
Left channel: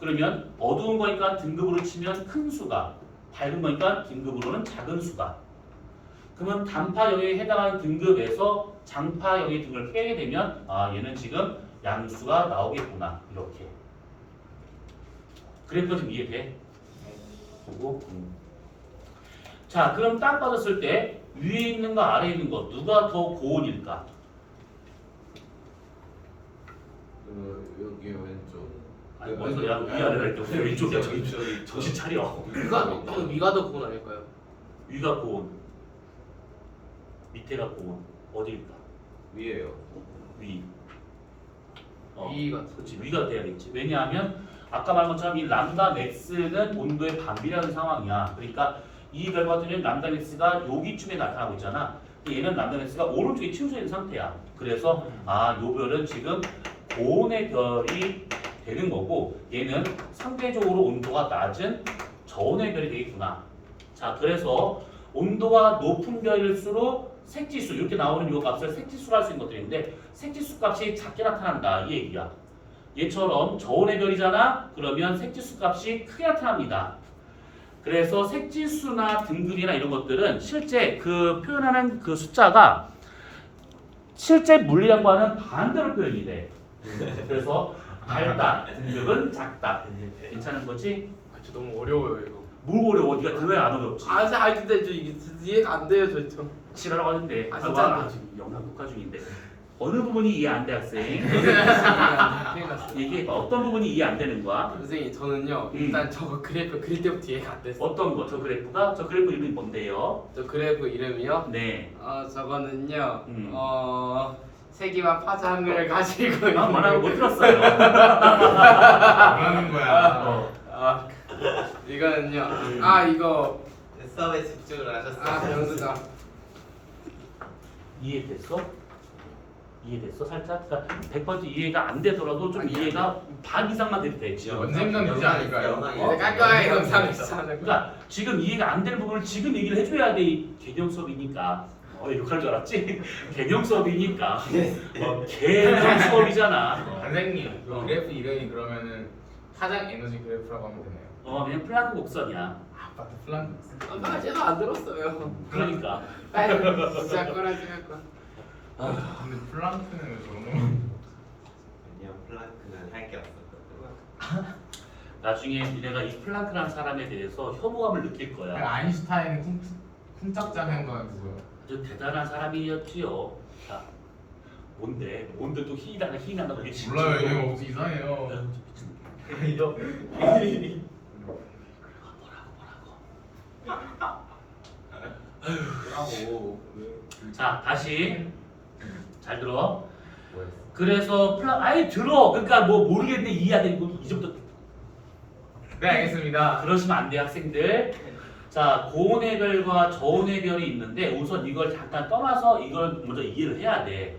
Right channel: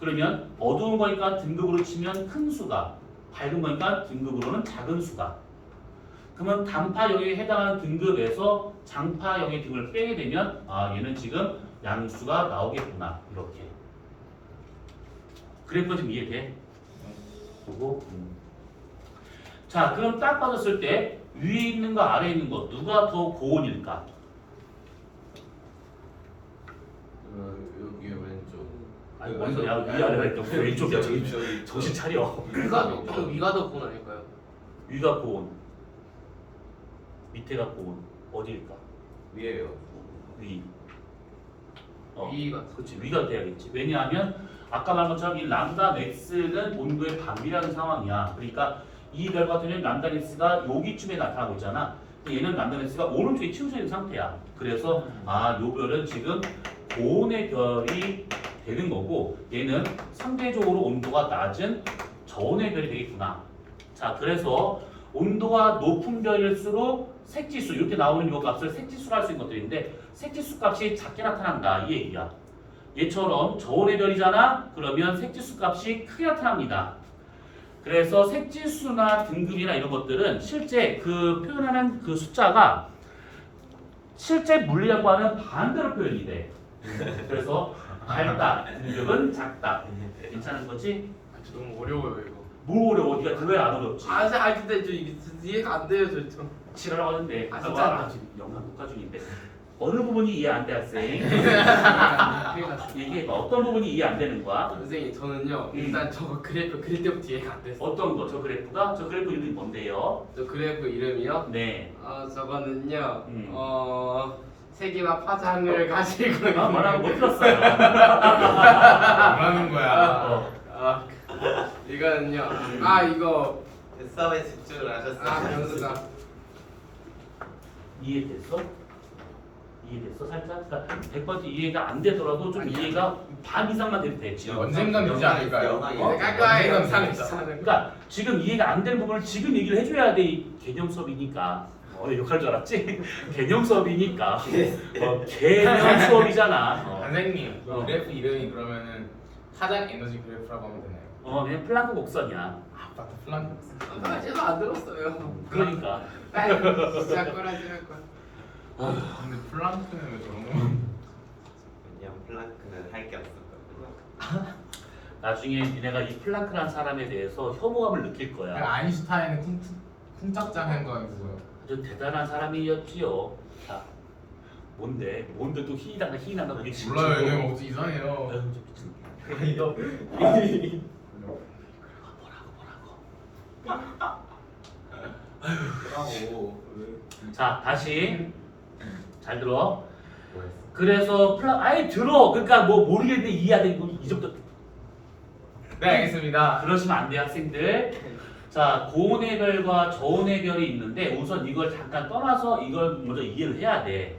그러면 어두운 거니까 등급으로 치면 큰 수가, 밝은 거니까 등급으로는 작은 수가. 그러면 단파 영역에 해당하는 등급에서 장파 영역의 등급을 빼게 되면 얘는 지금 양수가 나오겠구나. 이렇게. 그래프 좀 이해돼? 그리고 자, 그럼 딱 빠졌을 때 위에 있는 거 아래에 있는 거 누가 더 고온일까? 여기 왼쪽. 아니 뭔 소리야? 위아래가 있다고 왼쪽이야. 저기 정신 차려. 위가 더 고운 아닐까요? 위가 고온, 밑에가 고온. 어디일까? 위에요. 위. 위가 그렇지. 위가 돼야겠지. 왜냐하면 아까 말한 것처럼 이 람다 맥스는 온도의 반비라는 상황이야. 그러니까 이 별 같은 경우는 람다 맥스가 여기쯤에 나타나고 있잖아. 근데 얘는 람다 맥스가 오른쪽에 치우쳐 있는 상태야. 그래서 요 별은 지금 고온의 별이 되는 거고 얘는 상대적으로 온도가 낮은 저온의 별이 되겠구나. 자, 그래서 온도가 높은 별일수록 색지수 이렇게 나오는 요 값을 색지수로 할 수 있는 것들인데 색지수 값이 작게 나타난다 이 얘기야. 얘처럼 저온의 별이잖아. 그러면 색지수 값이 크게 나타납니다. 그래서 색지수나 등급이나 이런 것들은 실제 그 표현하는 그 숫자가 실제 물리라고 하는 반대로 표현이 돼. 그래서 밝다 등급은 작다. 괜찮은 거지? 진짜 너무 어려워요 이거. 뭐 어려워? 네가 그거에 안 어렵지? 근데 저 이게 이해가 안 돼요 저. 치라고 하는데 진짜 영상 녹화 중인데 어느 부분이 이해 안 돼 학생? 얘기해봐. 어떤 부분이 이해 안 되는 거야? 선생님 저는요 일단 저거 그래프 그릴 때부터 이해가 안 됐어요. 어떤 거? 저 그래프가? 저 그래프 이름이 뭔데요? 저 그래프 이름이요? 네. 저거는요. 음. 세기와 파장을 가지고 말하고 못 들었어요. 뭐라는 거야? 이거는요. 이거 수업에 집중을 하셨어요. 변수가 이해됐어? 이해됐어? 살짝? 그러니까 100% 이해가 안 되더라도 좀 이해가 반 이상만 돼도 돼 지금. 언젠간 되지 않을까요? 영상이 가까이 영상 있잖아요. 그러니까 지금 이해가 안 되는 부분을 지금 얘기를 해줘야 돼. 이 개념 수업이니까. 욕할 줄 알았지? 개념 수업이니까. 개념 수업이잖아. 선생님, 그래프 이름이 그러면은 파장 에너지 그래프라고 하면 되나요? 그냥 플랑크 곡선이야. 아파트 플랑. 제도 안 들었어요. 그러니까. 진짜 꾸라지할 거. 근데 플랑크는 왜 저런 거? 그냥 플랑크는 할 게 없었거든요. 나중에 니네가 이 플랑크라는 사람에 대해서 혐오감을 느낄 거야. 아인슈타인 쿵짝장 거 그거요. 아주 대단한 사람이었지요. 자, 뭔데? 뭔데 또 희나가 희나가 그게 진짜. 몰라요, 얘네가 어떻게 이상해요. 자, 다시 잘 들어. 그래서 아예 들어. 그러니까 뭐 모르겠네 이해 안 되고 이제부터 네, 알겠습니다. 그러시면 안 돼 학생들. 자, 고온의 별과 저온의 별이 있는데 우선 이걸 잠깐 떠나서 이걸 먼저 이해를 해야 돼.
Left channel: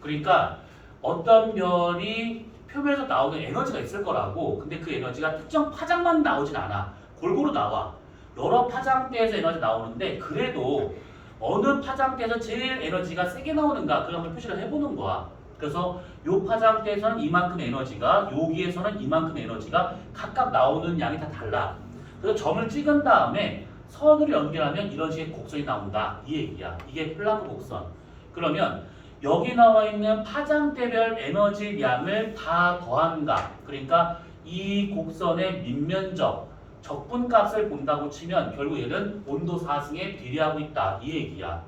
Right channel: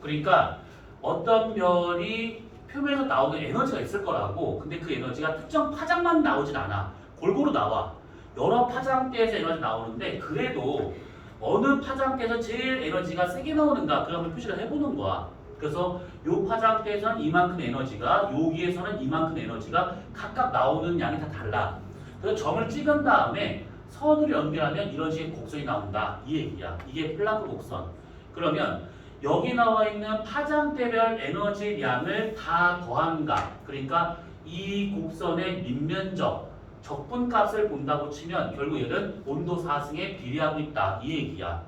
그러니까 어떤 별이 표면에서 나오는 에너지가 있을 거라고. 근데 그 에너지가 특정 파장만 나오진 않아. 골고루 나와. 여러 파장대에서 에너지 나오는데 그래도 어느 파장대에서 제일 에너지가 세게 나오는가 그런 걸 표시를 해보는 거야. 그래서 요 파장대에서는 이만큼의 에너지가 여기에서는 이만큼의 에너지가 각각 나오는 양이 다 달라. 그래서 점을 찍은 다음에 선으로 연결하면 이런 식의 곡선이 나온다. 이 얘기야. 이게 플랑크 곡선. 그러면 여기 나와 있는 파장대별 에너지 양을 다 더한 값. 그러니까 이 곡선의 밑면적, 적분값을 본다고 치면 결국 얘는 온도 상승에 비례하고 있다. 이 얘기야.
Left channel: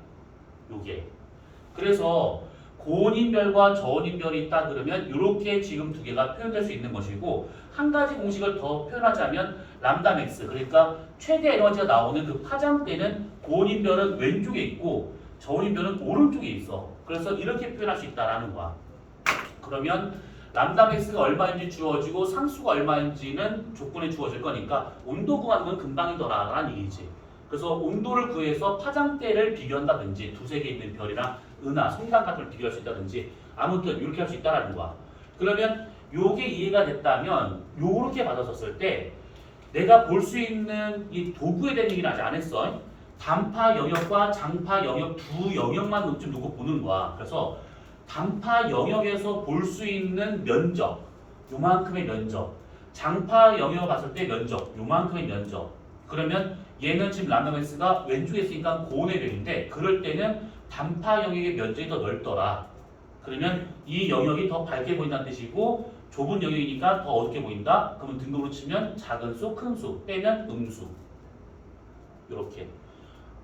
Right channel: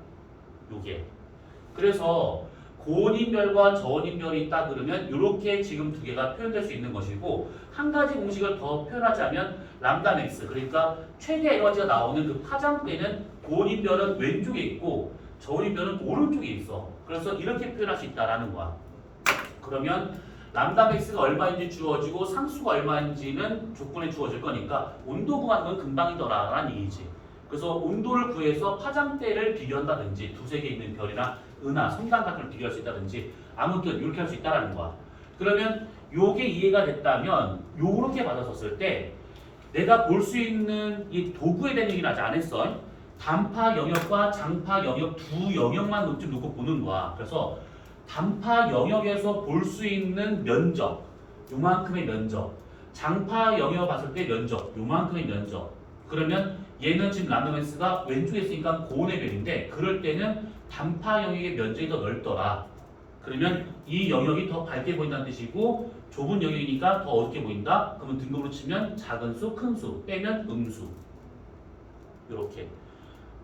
요게. 그래서 고온인별과 저온인별이 있다 그러면 이렇게 지금 두 개가 표현될 수 있는 것이고 한 가지 공식을 더 표현하자면 람다 맥스 그러니까 최대 에너지가 나오는 그 파장대는 고온인별은 왼쪽에 있고 저온인별은 오른쪽에 있어. 그래서 이렇게 표현할 수 있다라는 거야. 그러면 람다 맥스가 얼마인지 주어지고 상수가 얼마인지는 조건에 주어질 거니까 온도 구하는 건 금방이더라라는 얘기지. 그래서 온도를 구해서 파장대를 비교한다든지 두세 개 있는 별이나 은하, 성단 같은 걸 비교할 수 있다든지 아무튼 이렇게 할 수 있다라는 거야. 그러면 요게 이해가 됐다면 요렇게 받아줬을 때 내가 볼 수 있는 이 도구에 대한 얘기는 아직 안 했어. 단파 영역과 장파 영역 두 영역만 좀 놓고 보는 거야. 그래서 단파 영역에서 볼 수 있는 면적, 요만큼의 면적. 장파 영역을 봤을 때 면적, 요만큼의 면적. 그러면 얘는 지금 람다맥스가 왼쪽에 있으니까 고온의 별인데 그럴 때는 단파 영역의 면적이 더 넓더라. 그러면 이 영역이 더 밝게 보인다는 뜻이고 좁은 영역이니까 더 어둡게 보인다. 그러면 등급으로 치면 작은 수, 큰 수, 빼면 음수. 이렇게.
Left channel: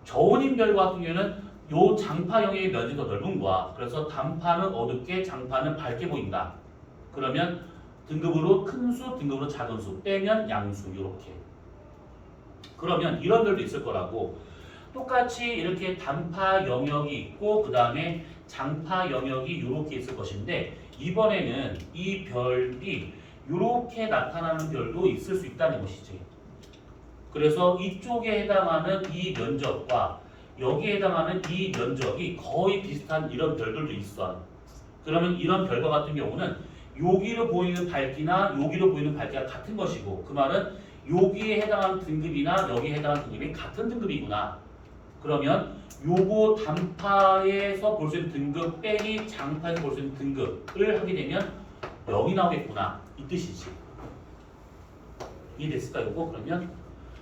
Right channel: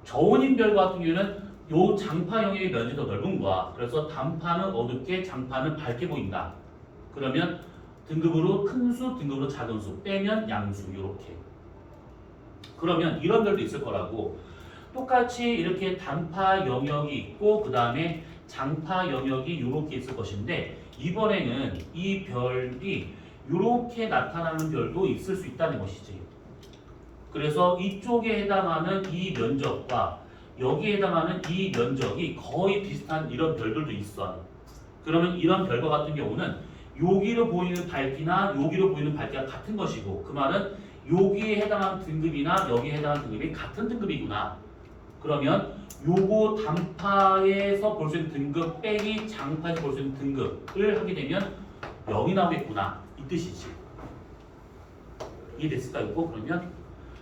저온인별 같은 경우는 요 장파 영역의 면적이 더 넓은 거야. 그래서 단파는 어둡게, 장파는 밝게 보인다. 그러면 등급으로 큰 수, 등급으로 작은 수, 빼면 양수. 이렇게. 그러면 이런 별도 있을 거라고. 똑같이 이렇게 단파 영역이 있고 그 다음에 장파 영역이 이렇게 있을 것인데 이번에는 이 별이 이렇게 나타나는 별도 있을 수 있다는 것이지. 그래서 이쪽에 해당하는 이 면적과 여기에 해당하는 이 면적이 거의 비슷한 이런 별들도 있어. 그러면 이런 별과 같은 경우는 여기로 보이는 밝기나 여기로 보이는 밝기가 같은 것이고 그 말은 여기에 해당하는 등급이나 여기에 해당하는 등급이 같은 등급이구나. 그러면 요거 단파에서 볼 수 있는 등급 빼기 장파에서 볼 수 있는 등급을 하게 되면 0이 나오겠구나. 이 뜻이지. 이해됐을까 이거 그러면?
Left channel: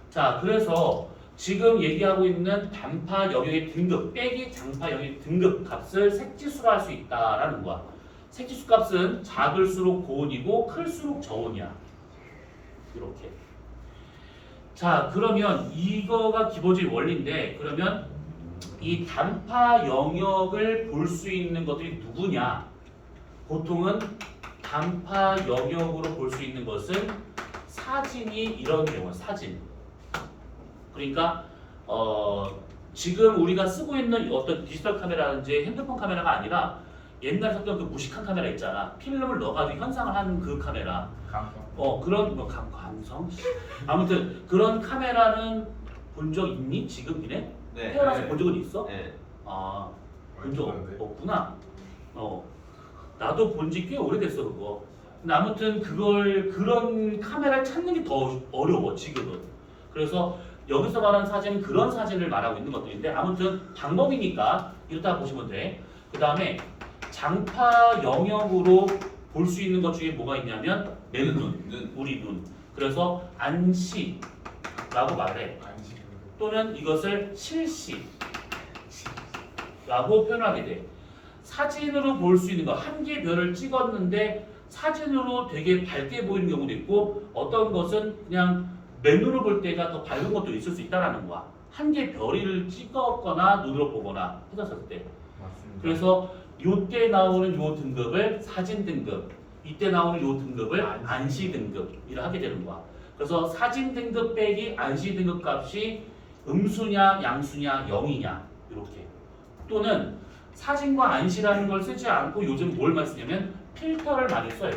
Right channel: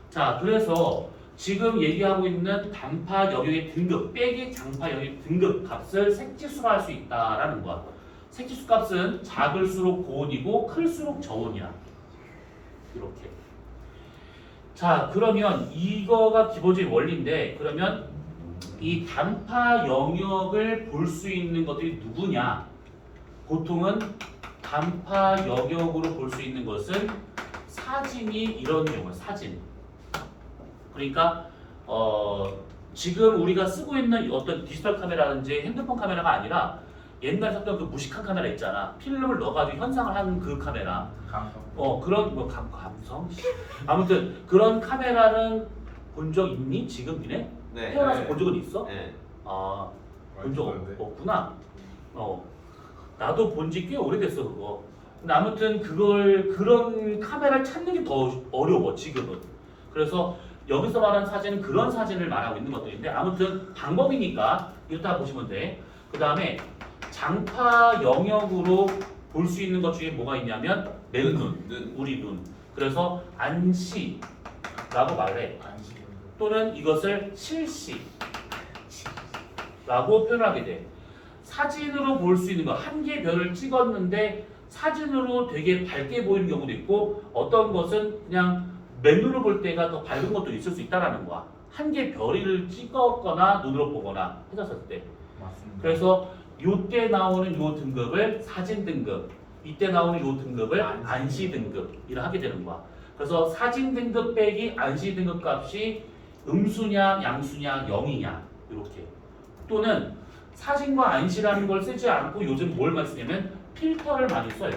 자 그래서 지금 얘기하고 있는 단파 영역의 등급 빼기 장파 영역의 등급 값을 색지수로 할 수 있다라는 거야. 색지수 값은 작을수록 고온이고 클수록 저온이야. 이렇게. 자 그러면 이거가 기본적인 원리인데 그러면 이 단파 영역을 볼 수 있는 것들이 누구냐? 보통은 단파 영역으로 볼 수 있는 것은 사진이 이런 경우 사진. 그러니까 지금 우리가 쓰고 있는 어떤 디지털 카메라든지 핸드폰 카메라가 아니라 옛날에 썼던 그 무식한 카메라 있잖아. 필름을 넣어가지고 현상을 하는 그 카메라. 그런 뭐 감성. 아무튼 그런 카메라는 본 적 있니? 지금 니네? 네. 태어나서 본 적은 있어? 네. 아, 본 적 없는데? 없구나. 나도 본 지 꽤 오래됐어 그거. 근데 아무튼 그런 카메라를 찾는 게 더 어려워 지금은. 그래서 여기서 말하는 사진은 그런 사진을 말하고 있는 것들인데 아무튼 방법이니까 이렇다 보시면 돼. 그 다음에 장파 영역으로 볼 수 있는 것 중에 뭐가 있냐면 맨눈, 우리 눈. 그래서 안시라고 말해. 또는 이것을 실시라고 표현하게 돼. 사진으로 볼 수 있는 거, 한 개의 별을 찍었는데 사진으로 되게 밝게 보이는 경우도 있고 어떤 것은 그냥 맨눈으로 볼 때가 더 밝은 것도 있을 수 있다는 거야. 한 개의 별을 찍었거나 눈으로 보거나 해서 때. 맞습니다. 그래서 요때 나오는 요 등급을 사진 등급, 이때 나오는 요 등급을 안시 등급이라 하게 되는 거야. 그래서 사진 등급 빼기 안시 등급 값이 음수냐 양수냐 0이냐 이렇게. 또는 사진과 안시라는 걸 쓰지 않고 요즘 뭘 많이 쓰냐면 필터를 많이 써요.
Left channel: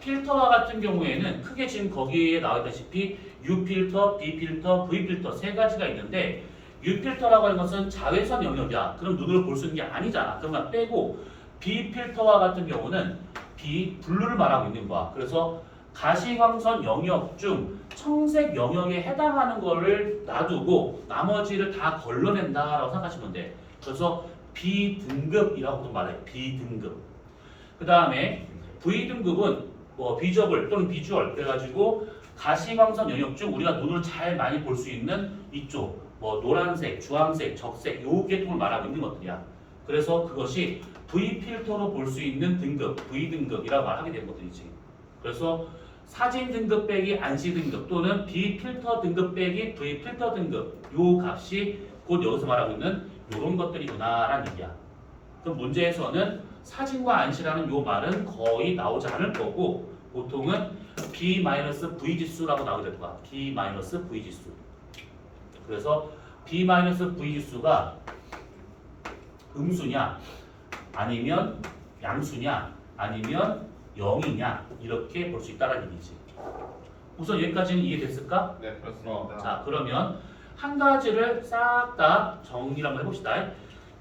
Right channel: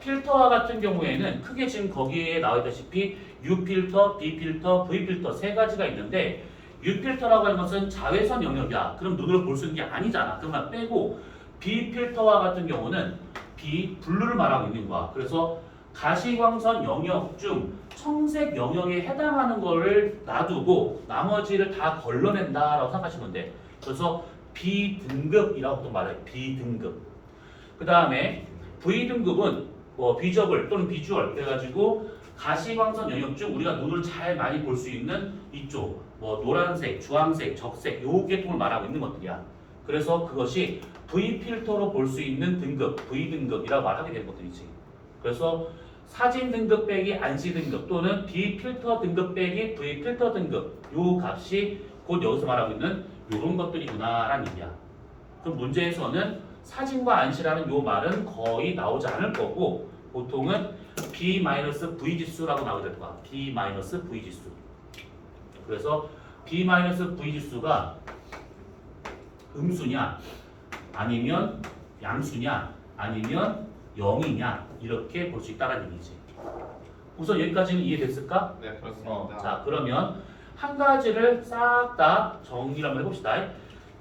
필터와 같은 경우에는 크게 지금 거기에 나와 있다시피 U 필터, B 필터, V 필터 세 가지가 있는데 U 필터라고 하는 것은 자외선 영역이야. 그럼 눈으로 볼 수 있는 게 아니잖아. 그만 빼고 B 필터와 같은 경우는 블루를 말하고 있는 거야. 그래서 가시광선 영역 중 청색 영역에 해당하는 거를 놔두고 나머지를 다 걸러낸다라고 생각하시면 돼. 그래서 B등급이라고도 말해. B등급. 그 다음에 V등급은 뭐 비저블 또는 비주얼 그래가지고 가시광선 영역 중 우리가 눈으로 잘 많이 볼 수 있는 이쪽 뭐 노란색, 주황색, 적색 요 계통을 말하고 있는 것들이야. 그래서 그것이 V 필터로 볼 수 있는 등급, V등급이라고 말하게 되는 것들이지. 그래서 사진 등급 빼기 안시 등급 또는 B 필터 등급 빼기 V 필터 등급 요 값이 곧 여기서 말하고 있는 요런 것들이구나라는 얘기야. 그럼 문제에서는 사진과 안시라는 요 말은 거의 나오지 않을 거고 보통은 B-V 지수라고 나오게 될 거야. B-V 지수. 그래서 B-V 지수가 음수냐 아니면 양수냐 아니면 0이냐 이렇게 볼 수 있다는 얘기지. 우선 여기까지는 이해됐을까? 네 그렇습니다. 자 그러면 한 가지를 싹 다 정리를 한번 해봅시다.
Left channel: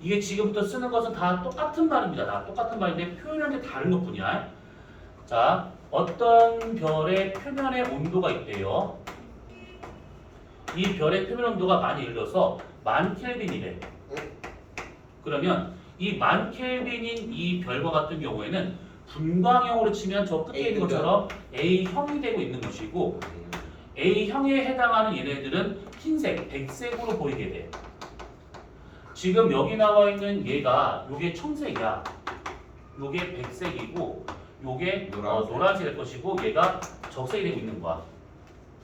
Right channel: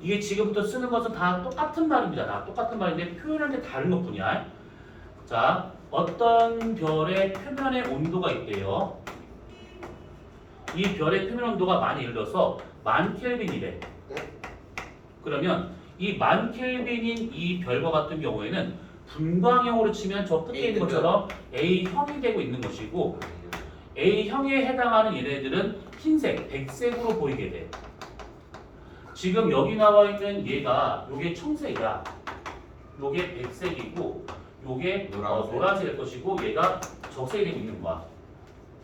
이게 지금부터 쓰는 것은 다 똑같은 말입니다. 다 똑같은 말인데 표현할 때 다른 것뿐이야. 자 어떤 별의 표면에 온도가 있대요. 이 별의 표면 온도가 많이 예를 들어서 1000켈빈이래. 그러면 이 1000켈빈인 이 별과 같은 경우에는 분광형으로 치면 저 끝에 있는 것처럼 A형이 되고 있는 것이고 A형에 해당하는 얘네들은 흰색, 백색으로 보이게 돼. 지금 여기 나와 있는 얘가 요게 청색이야. 요게 백색이고 요게 노란색. 노란색일 것이고 얘가 적색이 되고 있는 거야.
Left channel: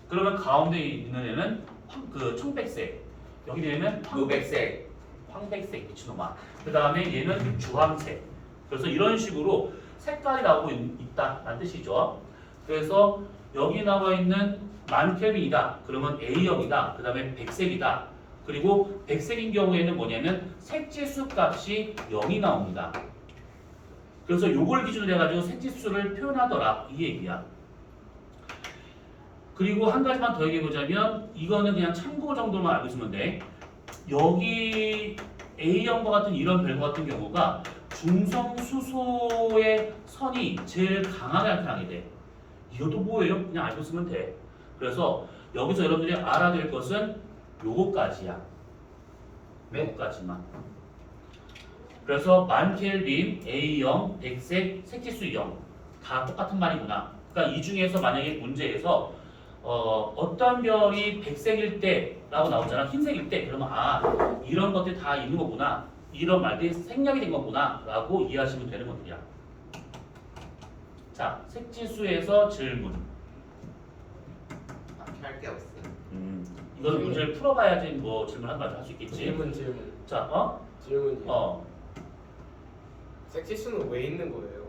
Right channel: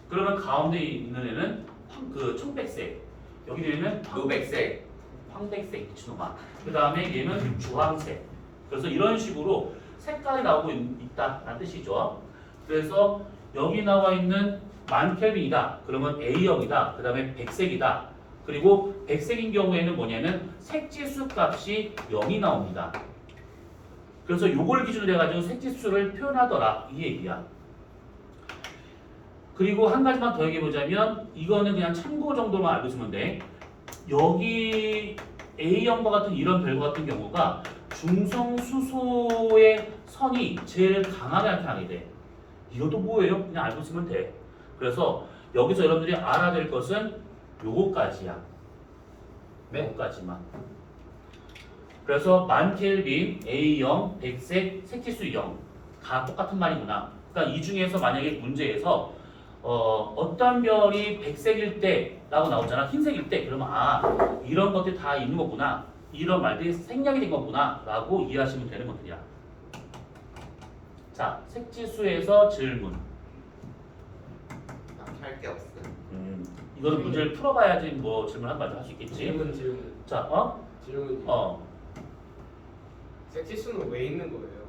그러면 가운데 있는 애는 그 청백색, 여기 얘는 노백색. 황백색 미친놈아. 그 다음에 얘는 주황색. 그래서 이런 식으로 색깔이 나오고 있다라는 뜻이죠. 그래서 여기 나와 있는 1000켈빈이다. 그러면 A형이다. 그 다음에 백색이다. 그리고 백색인 경우에는 뭐냐면 색지수 값이 0이 나옵니다. 그래서 요걸 기준으로 해가지고 색지수를 표현하더라 이 얘기야. 그리고 한 가지만 더 얘기해보자면 이거는 그냥 참고 정도만 알고 있으면 돼. 여기 A형과 같은 이런 별과 같은 경우가 중성수소의 선이 제일 강하게 나타나게 돼. 이것도 뭐예요? 그냥 알고 있으면 돼. 그래서 여기서 여러분들이 알아야 될 것은 요거까지야. 요거까지만. 그래서 1000켈빈, A형, 백색, 색지수 0. 다 똑같은 말이구나. 그러니까 이 중에서 만약에 문제에서 어떤 별이 백색일 때라고 나오잖아. 흰색일 때. 그러면 아 이런 것들이 다 있는 거구나. 이런 말들이 생략이 된 거구나 라고 이해하시면 되는 것들이야. 자 색지수에서 질문. 할게 없어. 이거는 문제를 풀어봐야지 뭐 질문한 말도 할 수 있겠지. 질문. 자 질문. 색지수는 왜 있는 거예요?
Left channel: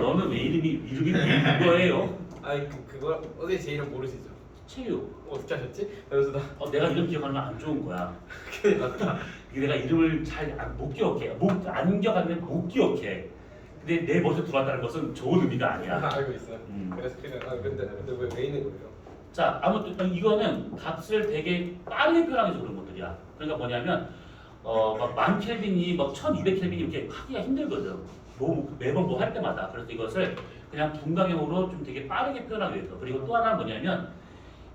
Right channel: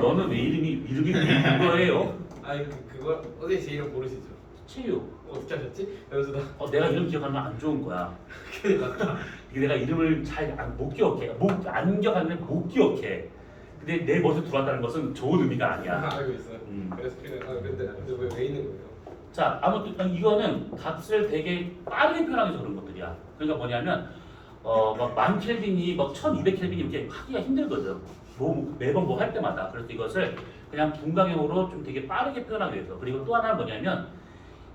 너는 왜 이름이 왜 있는 거예요? 아니 그거 어제 제 이름 모르시죠? 체육. 어떻게 하셨지? 연수다. 내가 이름 기억하는 건 안 좋은 거야. 큰일 났다. 내가 이름을 잘 못 기억해. 안 기억하면 못 기억해. 근데 내 머릿속에 들어왔다는 것은 좋은 의미가 아니야. 알고 있어요. 그래서 그냥 근데 왜 있는 거예요? 자, 아무튼 이거는 값을 되게 빠르게 표현하면서 그런 것들이야. 그러니까 뭐냐면 막 1000켈빈이 막 1200켈빈이 이렇게 하기가 힘들거든. 매번 뭐 할 때마다. 그래서 이것을 그냥 분광형으로 좀 되게 빠르게 표현하기 위해서. 그리고 또 하나는 뭐냐면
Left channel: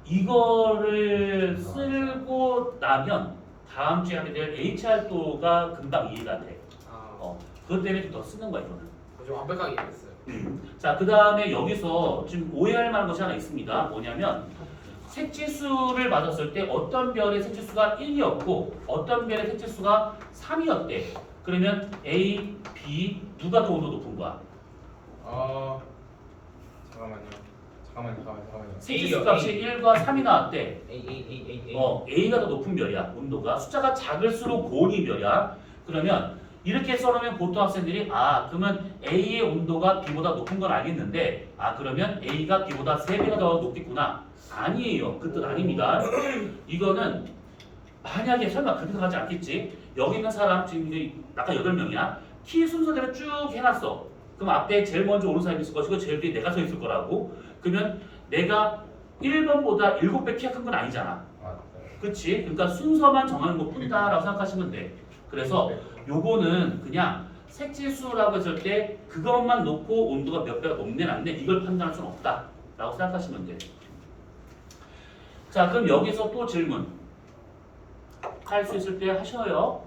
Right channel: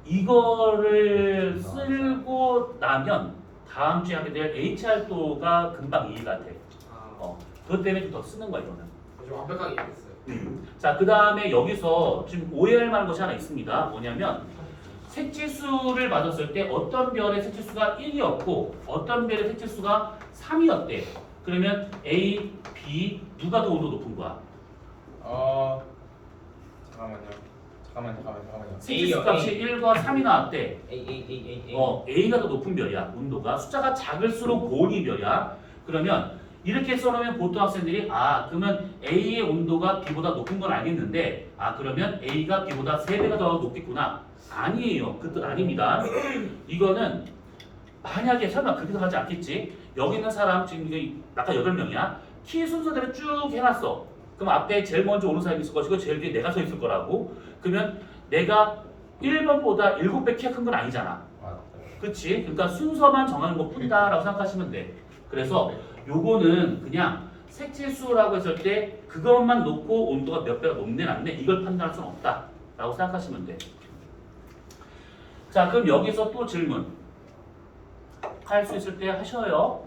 이거를 쓰고 나면 다음 주에 하게 될 HR도가 금방 이해가 돼. 그것 때문에 좀 더 쓰는 거야 이거는. 좀 완벽하게 이해했어요. 자, 그 다음에 여기서 지금 오해할 만한 것이 하나 있습니다. 뭐냐면 색지수를 맞았을 때 어떤 별의 색지수가 1이었고 어떤 별의 색지수가 3이었대. 그러면 A, B 누가 더 온도 높은 거야? 잠깐만요. 색지수 값이 1과 3이 나왔대. A. A가 더 높은 별이야. 온도가 숫자가 작을수록 고온이 별이야. 그러면 이렇게 써놓으면 보통 학생들이 그러면 A의 온도가 B보다 높은 건 알겠는데 그러면 A가 B보다 3배가 더 높겠구나. 아니에요. 그 뜻 아닙니다. 이거는 만약에 설마 그렇게 생각하지 않겠지. 여기 있는 사람 지금 아까 8명이야. 키 순서대로 쭉 해놨어. 그럼 앞에 제일 먼저 오는 사람이 있을 것이고 제일 뒤에 내가 서 있을 거라고. 그러면 내가 1번보다 7배 키가 큰 건 아니잖아. 그치? 그러니까 순서만 정하는 것 뿐이다 라고 생각하시면 돼. 그래서 요거는 그냥 색지수라고 했을 때 그것만 놓고 온도가 몇 배가 높네 낮네 이걸 판단할 수는 없다 라고 생각하시면 돼. 자 그럼 여기서 또 질문 할 수 있을 때 하셔요.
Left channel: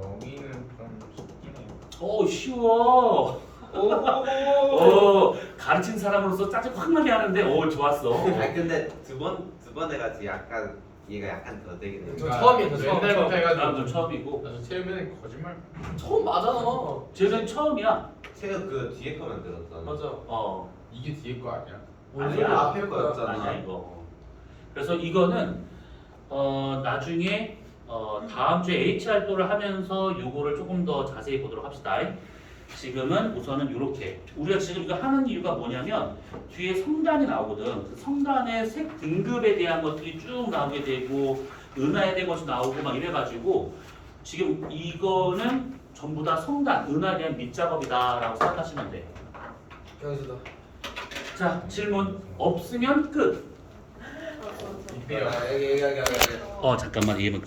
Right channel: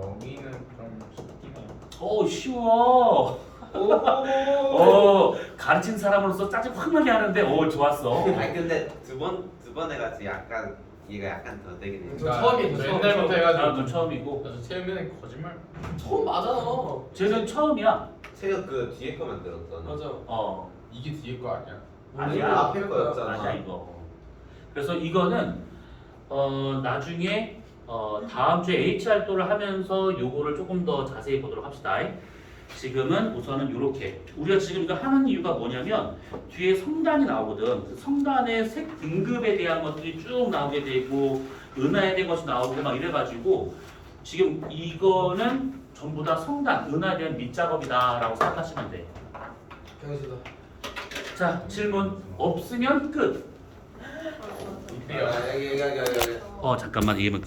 여기는 좀 쉽긴 해요. 쉬워. 가르친 사람으로서 짜증 확 나게 하는데 좋았어. 아니 근데 두 번 해가지고 약간 이해가 약간 더 되긴 해요. 저 처음이에요. 저 처음. 옛날부터 해가지고 나도 처음이고 저 체험에는 거짓말. 처음 맞아. 쟤는 처음이야. 새우 그 뒤에 거만 들었잖아. 맞아. 이게 뒤에 거 아니야? 아니야 앞에 거였잖아. 아니야 이거. 그래서 이거는 나중에 다음 주에 HR도를 하면서 요거를 조금 더 자세히 보도록 합시다. 지금은 우선은 이렇게 우리가 지금 이거 하는 이유가 뭐냐면 뒤에 성단이 나오거든. 그 성단의 색 등급에 대한 것들이 쭉 나오게 되고 은하에 대한 것이 나오고 막 이래가지고 지금 이거는 전부 다 성단, 은하에 대한 밑작업이다라고 생각하시면 돼. 경수다. 자, 질문 없으면 끝. 이때가 잠깐만, 이게면 끝.